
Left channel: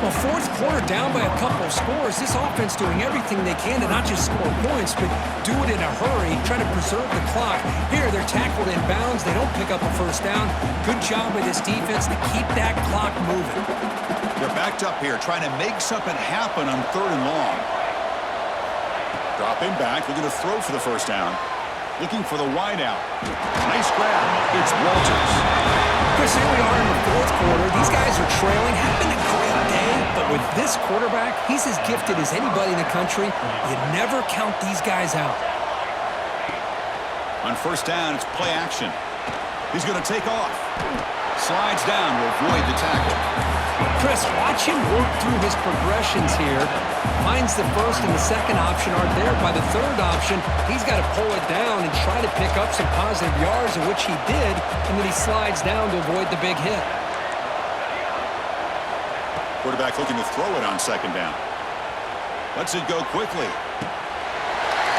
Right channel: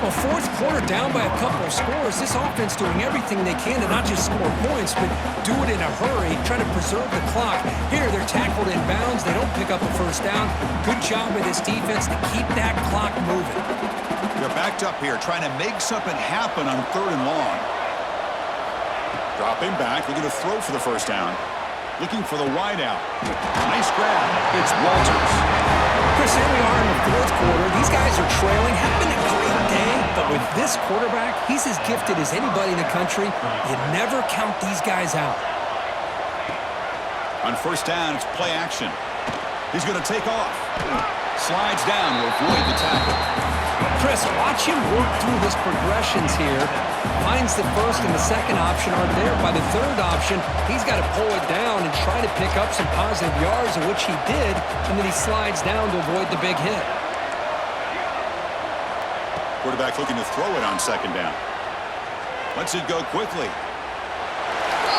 Well, 4th quarter down by a couple of scores. This offense doing everything they can to not just score points, but do it in a hurry, trying to preserve the clock. Here, they're tackled in bounds. They don't pick up a 1st down. Good job by this defense to keep that clock moving. They're backed up here, trying to make something happen on 3rd and long. Dropping back, looking to throw for the 1st down. Looking for the wide out. Nice grab. It's Walters. Chris, here we are in the 4th quarter. These guys are trailing. Having a great day. But with this quarterback, he's as gifted as anybody in the country. You never count these guys out. On 1st down, it's play action. He's going to take off. Slides down to avoid the tackle. Chris, watch him work through his progressions here. Finds the 1st and the 2nd option aren't there. By the 3rd option, he's got to pull it down and try to pick up some positive yards, of which he did, and then he slides down to avoid the big hit. Quarterback looking to throw it on 2nd down. Lets it go quickly.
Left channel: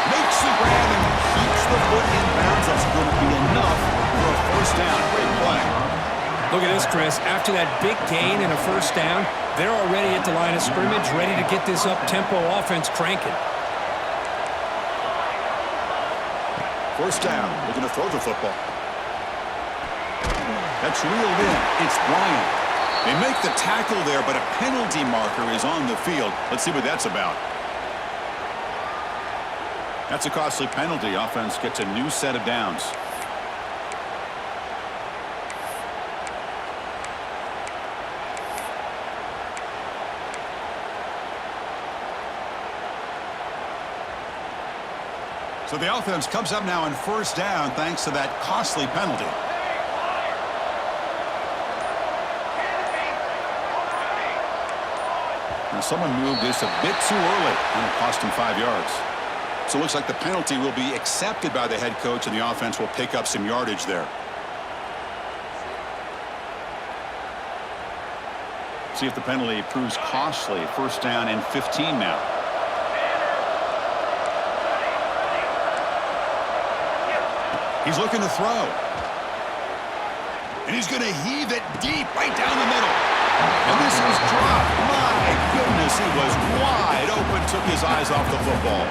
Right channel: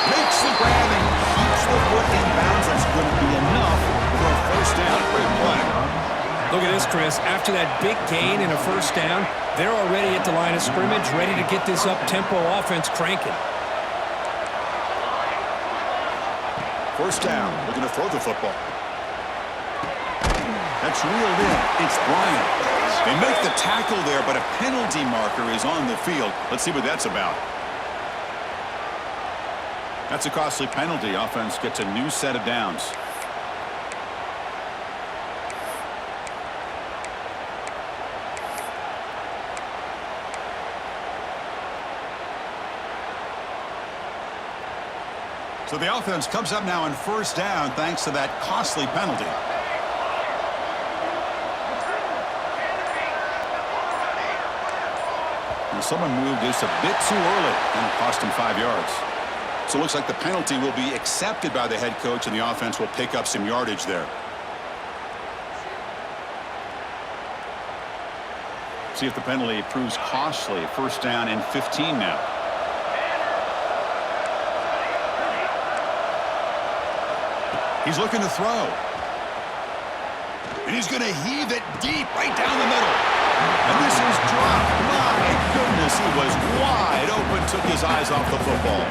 Makes the grab and keeps the foot in bounds. That's going to be enough for a 1st down. Great play. Look at this, Chris. After that big gain and a 1st down, they're already at the line of scrimmage, ready to get this up-tempo offense cranking. 1st down, looking to throw the football. That's reeled in. It's Bryant. They make the tackle there, but a penalty marker is on the field. Let's see what that's about. That's a costly penalty. Offense gets a new set of downs. So the offense comes up now on 1st down thanks to that costly penalty. Now someone moved just a bit too early, and it cost him 5 yards. So it looks like the penalty will be accepted by the head coach, and the offense will pick up some yardage there. See if the penalty proves costly. 1st down and 15 now. He's looking to throw. And he's going to heave it deep right down the middle. And this is dropped. My goodness, he was wide open, took his eyes off the football.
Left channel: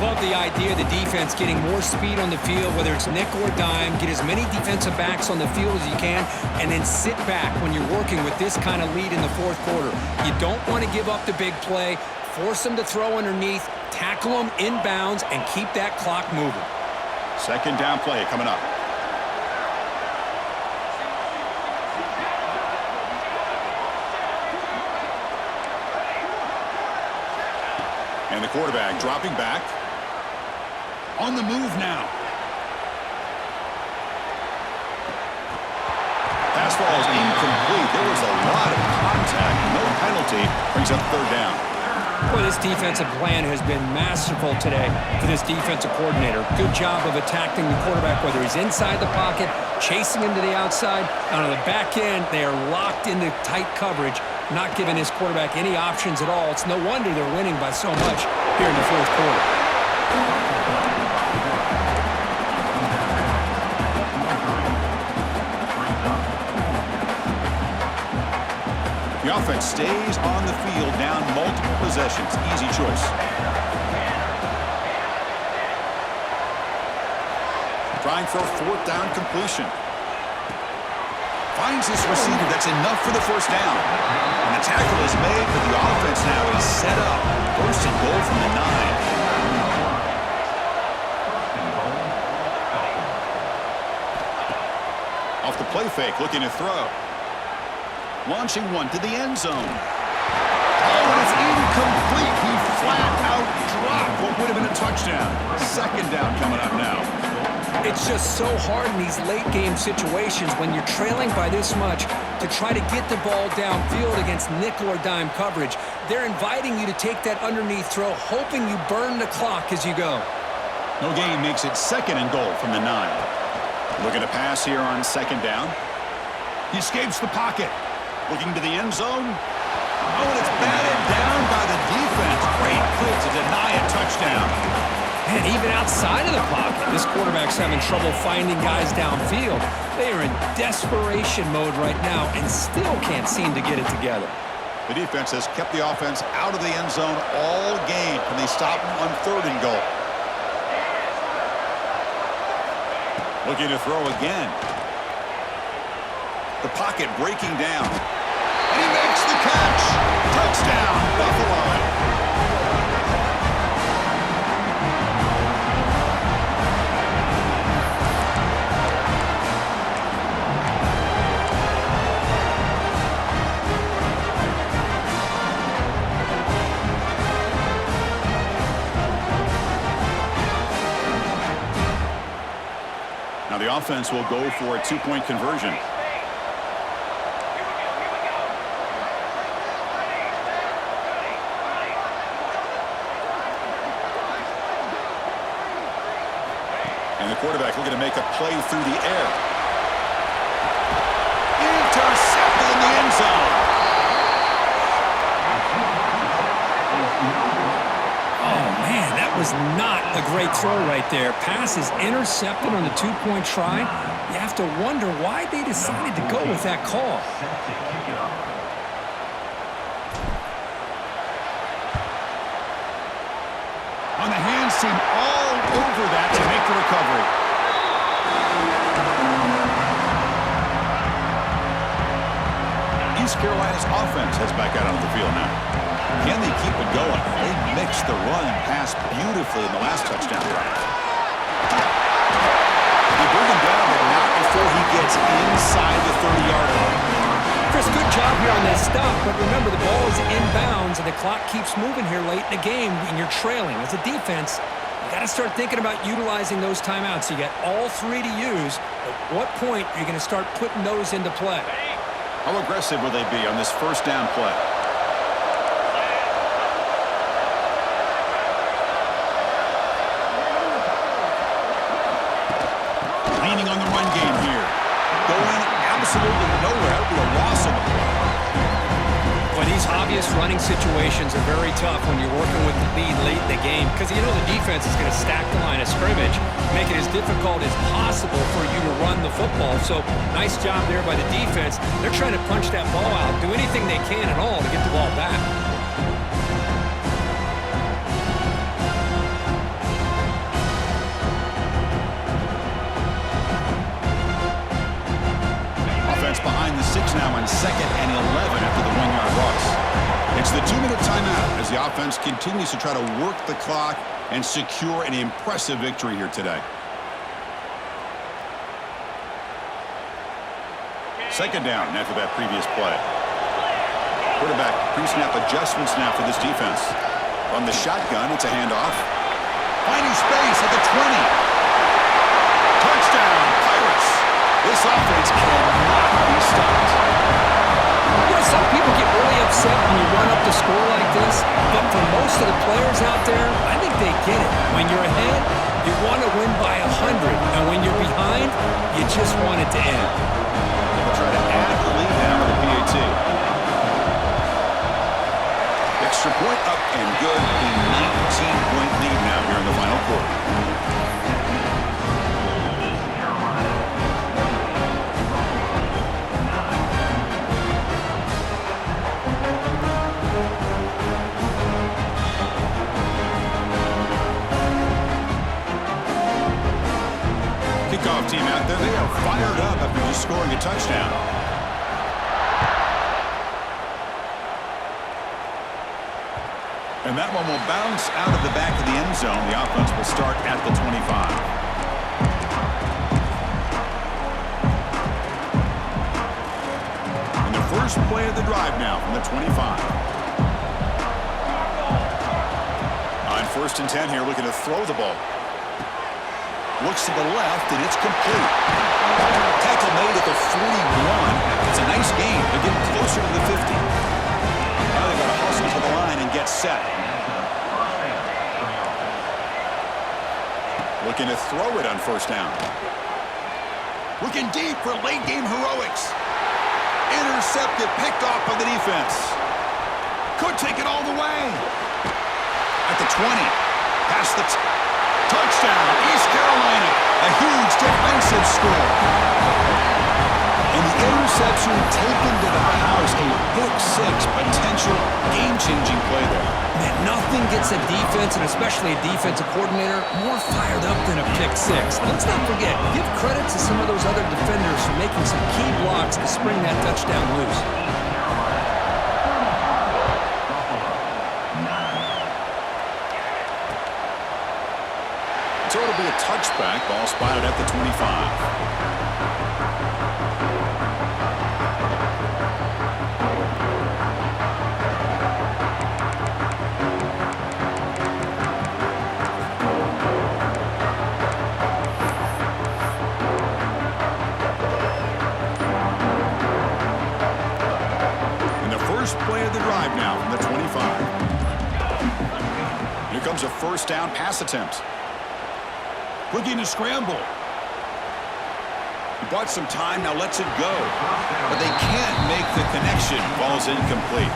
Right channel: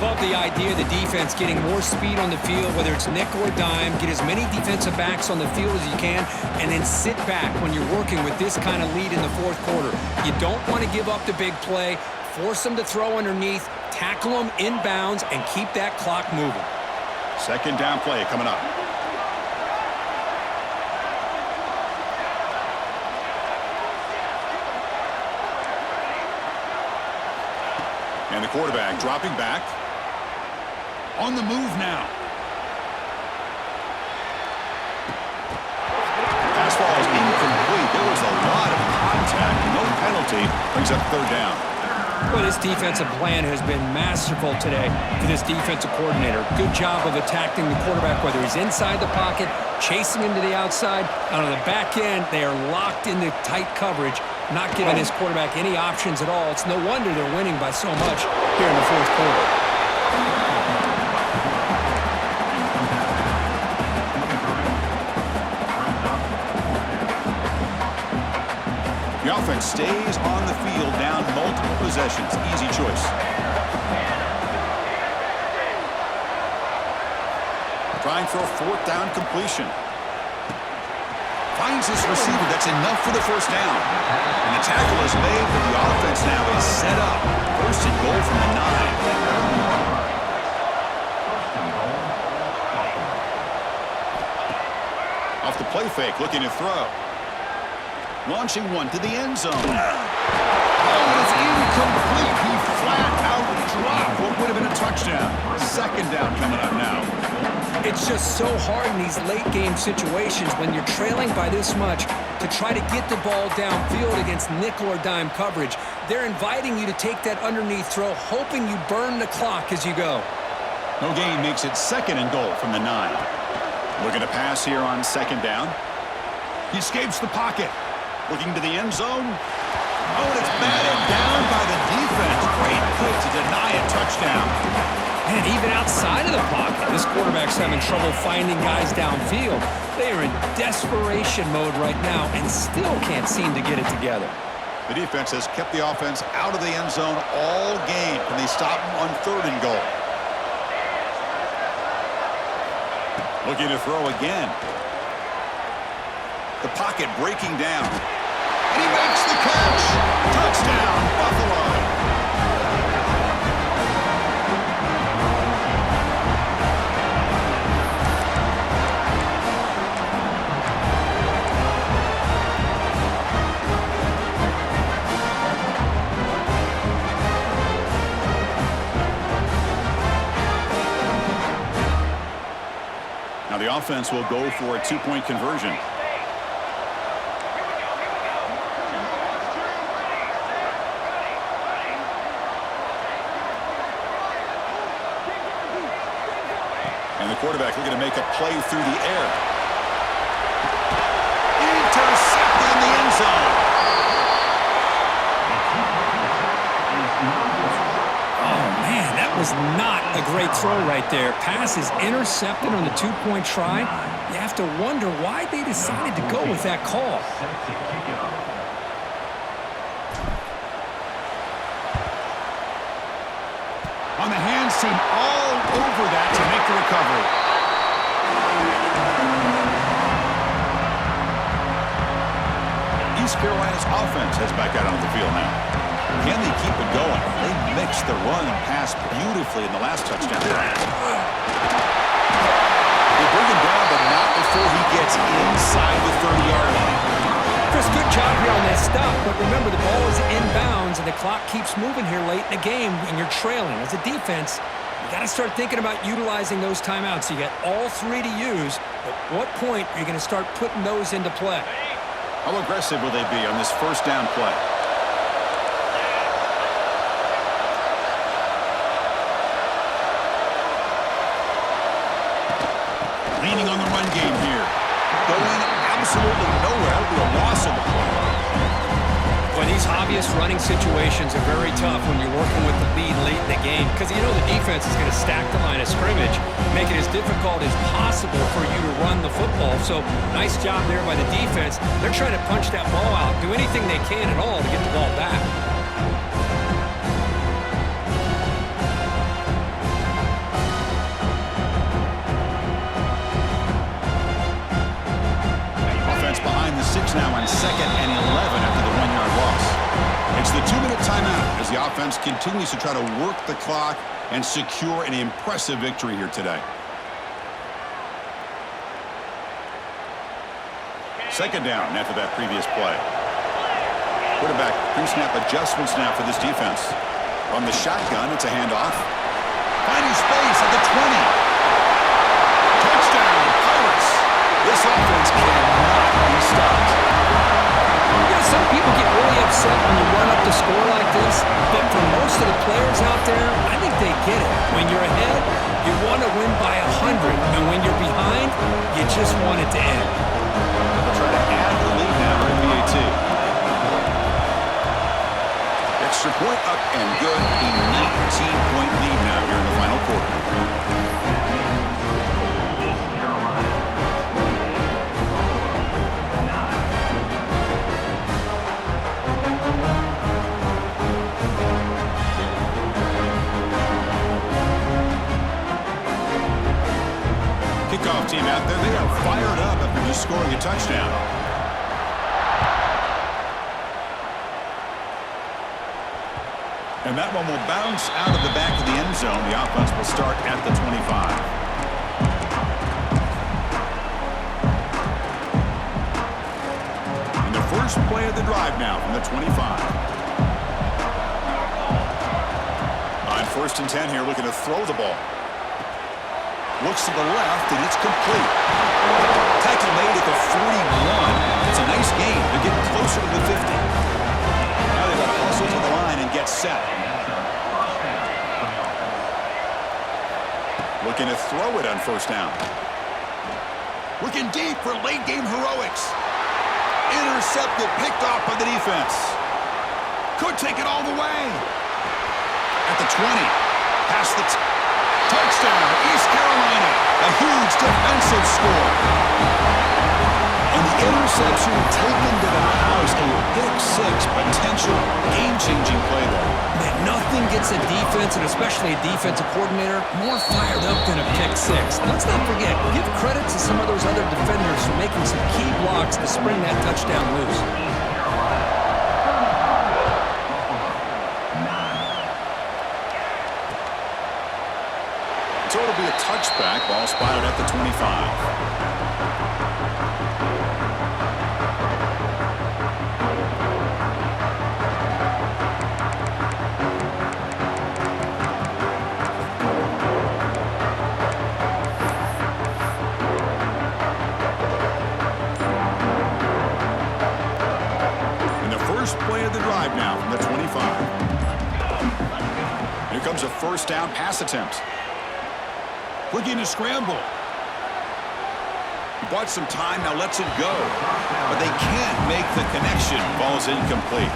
Love the idea of the defense getting more speed on the field, whether it's nickel or dime, get as many defensive backs on the field as you can, and then sit back when you're working with this kind of lead in the 4th quarter. You don't want to give up the big play, force them to throw underneath, tackle them inbounds, and keep that clock moving. 2nd down play coming up. And the quarterback dropping back. On the move now. Pass ball is incomplete. There was a lot of contact. No penalty. Brings up third down. Well, this defensive plan has been masterful today for this defensive coordinator. Good job of attacking the quarterback, whether he's inside the pocket, chasing him to the outside. And on the back end, they are locked into tight coverage, not giving his quarterback any options at all. It's no wonder they're winning by so much here in the fourth quarter. The offense stays on the field, down multiple possessions. Easy choice. Trying for a fourth down completion. Finds his receiver. That's enough for the first down. And the tackle is made, but the offense now is set up. First and goal from the 9. Off the play fake, looking to throw. Launching one to the end zone. Oh, and it's incomplete. He flat out dropped what would have been a touchdown. Second down coming up now. It's just so hard in these late game situations when you're trailing by this much to try to get the ball downfield against nickel or dime coverage. They're inviting you to take that underneath throw, hoping you burn the clock as you go. No gain makes it second and goal from the 9. Looking to pass here on second down. He escapes the pocket. Looking to the end zone. Oh, and it's batted down by the defense. Great play to deny a touchdown. Man, even outside of the pocket, this quarterback's having trouble finding guys downfield. They are in desperation mode right now and still can't seem to get it together. The defense has kept the offense out of the end zone all game, and they stop on third and goal. Looking to throw again. The pocket breaking down. And he makes the catch. Touchdown, Buffalo. Now the offense will go for a two-point conversion. And the quarterback looking to make a play through the air. Intercepted in the end zone. Oh, man, that was not a great throw right there. Pass is intercepted on the two-point try. You have to wonder why they decided to go with that call. On the hands team all over that to make the recovery. East Carolina's offense heads back out onto the field now. Can they keep it going? They mixed the run and pass beautifully in the last touchdown drive. They bring him down, but not before he gets inside the 30-yard line. Chris, good job here on that stop, but remember the ball is inbounds and the clock keeps moving here late in the game and you're trailing. As a defense, you got to start thinking about utilizing those timeouts. You got all three to use. At what point are you going to start putting those into play? How aggressive will they be on this first down play? Leaning on the run game here. Going absolutely nowhere. That would be a loss on the play. Boy, these obvious running situations are very tough when you're working with the lead late in the game because you know the defense is going to stack the line of scrimmage, make it as difficult as possible for you to run the football. So nice job there by the defense. They're trying to punch that ball out, do anything they can at all to get the ball back. Behind the 6 now on 2nd and 11 after the 1-yard loss. It's the 2-minute timeout as the offense continues to try to work the clock and secure an impressive victory here today. Second down after that previous play. Quarterback pre-snap adjustments now for this defense. From the shotgun, it's a handoff. Finding space at the 20. Touchdown, Pirates. This offense cannot be stopped. You know, some people get really upset when you run up the score like this, but for most of the players out there, I think they get it. When you're ahead, you want to win by 100, and when you're behind, you just want it to end. So they'll try to add the lead now with the PAT. Extra point up and good. A 19-point lead now here in the final quarter. Kickoff team out there, they are fired up after just scoring a touchdown. And that one will bounce out of the back of the end zone. The offense will start at the 25. And the first play of the drive now from the 25. On 1st and 10 here, looking to throw the ball. Looks to the left, and it's complete. Tackle made at the 41. It's a nice gain. They're getting closer to the 50. Now they've got to hustle to the line and get set. Looking to throw it on 1st down. Looking deep for late-game heroics. Intercepted, picked off by the defense. Could take it all the way. At the 20. Past the... Touchdown, East Carolina. A huge defensive score. And the interception taken to the house. A pick-6 potential game-changing play there. Man, nothing gets a defense, and especially a defensive coordinator, more fired up than a pick-6. Let's not forget, give credit to some of those other defenders for making some key blocks to spring that touchdown loose. So it'll be a touchback. Ball spotted at the 25. And the first play of the drive now from the 25. Here comes a 1st down pass attempt. Looking to scramble. He bought some time, now lets it go. But they can't make the connection. Ball's incomplete.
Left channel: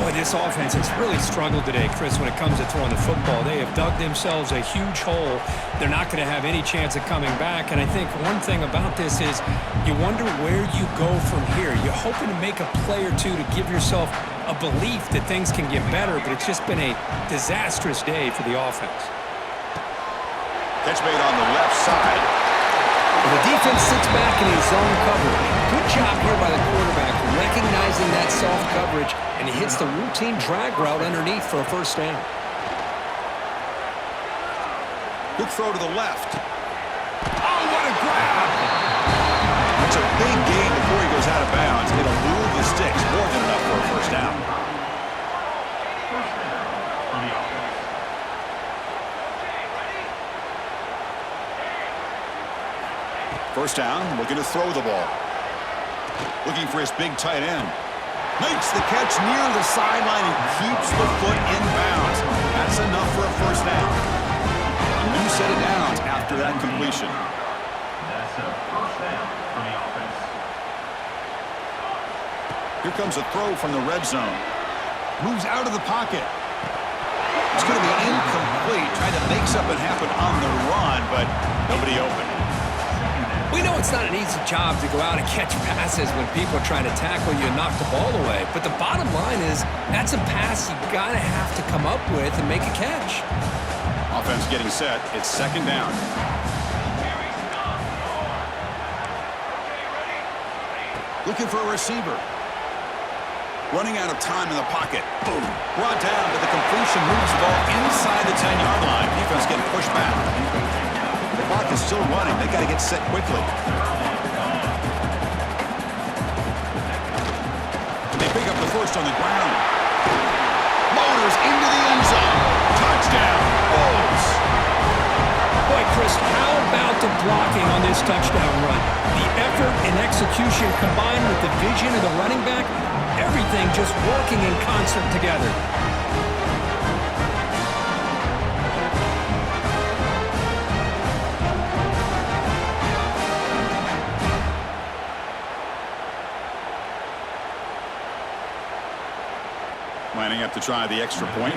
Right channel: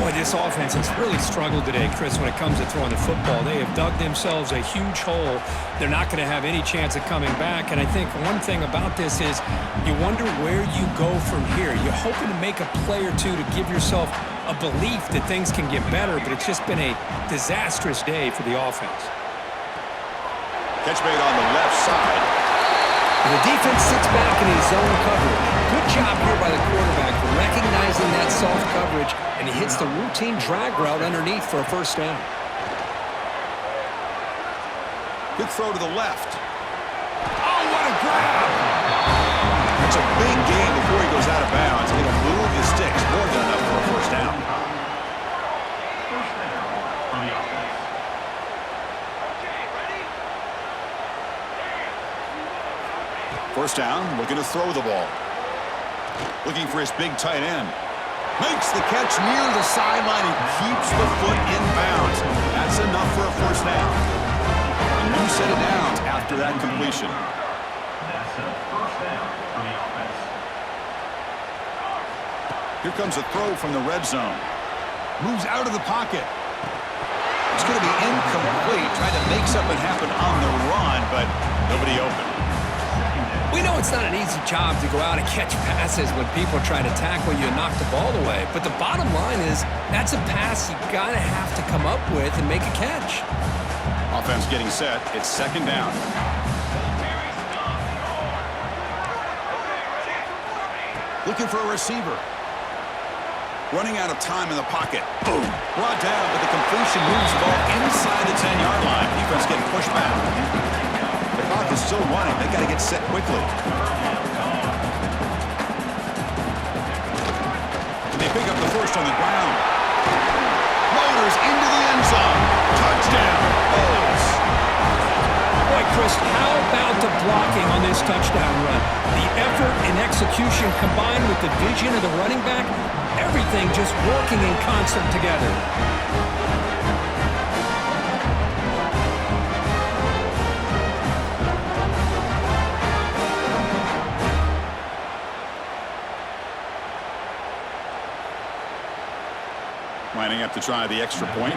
Boy, this offense has really struggled today, Chris, when it comes to throwing the football. They have dug themselves a huge hole. They're not going to have any chance of coming back. And I think one thing about this is you wonder where you go from here. You're hoping to make a play or two to give yourself a belief that things can get better, but it's just been a disastrous day for the offense. Catch made on the left side. The defense sits back in his zone coverage. Good job here by the quarterback recognizing that soft coverage, and he hits the routine drag route underneath for a 1st down. Good throw to the left. Oh, what a grab! It's a big gain before he goes out of bounds. It'll move the sticks more than enough for a 1st down. First down, looking to throw the ball. Looking for his big tight end. Makes the catch near the sideline and keeps the foot in bounds. That's enough for a 1st down. A new set of downs after that completion. That's a 1st down for the offense. Here comes a throw from the red zone. Moves out of the pocket. It's going to be incomplete. Tried to make something happen on the run, but nobody open. We know it's not an easy job to go out and catch passes when people are trying to tackle you and knock the ball away. But the bottom line is that's a pass you got to have to come up with and make a catch. Offense getting set. It's 2nd down. Looking for a receiver. Running out of time in the pocket. Boom. Brought down, but the completion moves the ball inside the 10-yard line. Defense getting pushed back. The clock is still running. They got to get set quickly. And they pick up the 1st on the ground. motors into the end zone. Touchdown, Bulls. Boy, Chris, how about the blocking on this touchdown run? The effort and execution combined with the vision of the running back, everything just working in concert together. Lining up to try the extra point.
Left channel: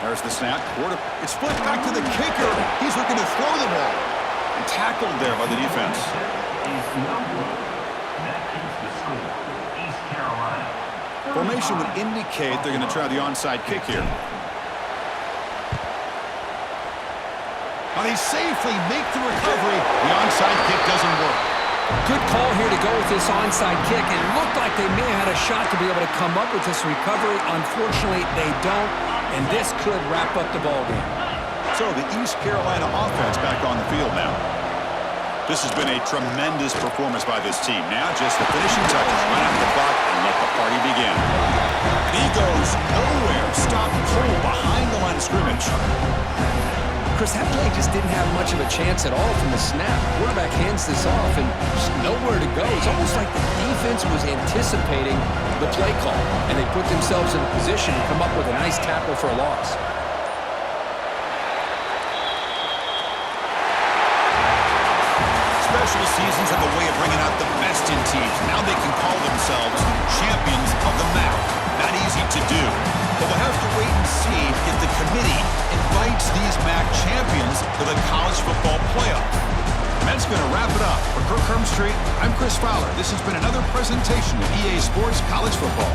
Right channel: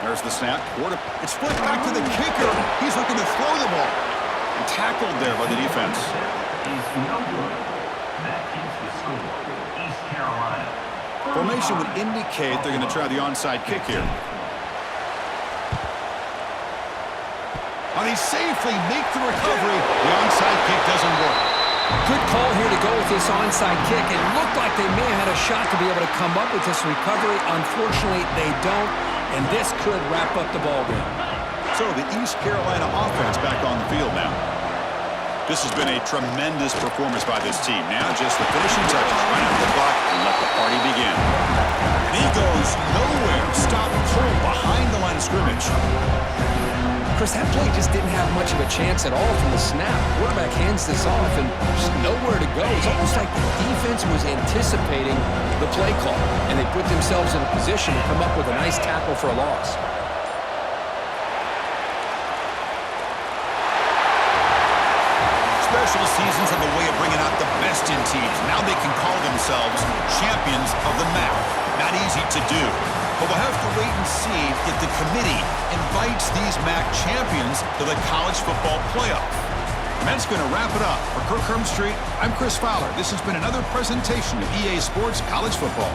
There's the snap. It's split back to the kicker. He's looking to throw the ball. And tackled there by the defense. Is no good. That keeps the score. East Carolina. Formation would indicate they're going to try the onside kick here. Now they safely make the recovery. The onside kick doesn't work. Good call here to go with this onside kick. It looked like they may have had a shot to be able to come up with this recovery. Unfortunately, they don't, and this could wrap up the ballgame. So the East Carolina offense back on the field now. This has been a tremendous performance by this team. Now just the finishing touches. Run out the clock and let the party begin. And he goes nowhere. Stopped cold behind the line of scrimmage. Chris, that play just didn't have much of a chance at all from the snap. Quarterback hands this off and just nowhere to go. It's almost like the defense was anticipating the play call, and they put themselves in a position to come up with a nice tackle for a loss. Special seasons have a way of bringing out the best in teams. Now they can call themselves champions of the MAC. Not easy to do. But we'll have to wait and see if the committee invites these MAC champions to the college football playoff. And that's going to wrap it up. For Kirk Street, I'm Chris Fowler. This has been another presentation of EA Sports College Football.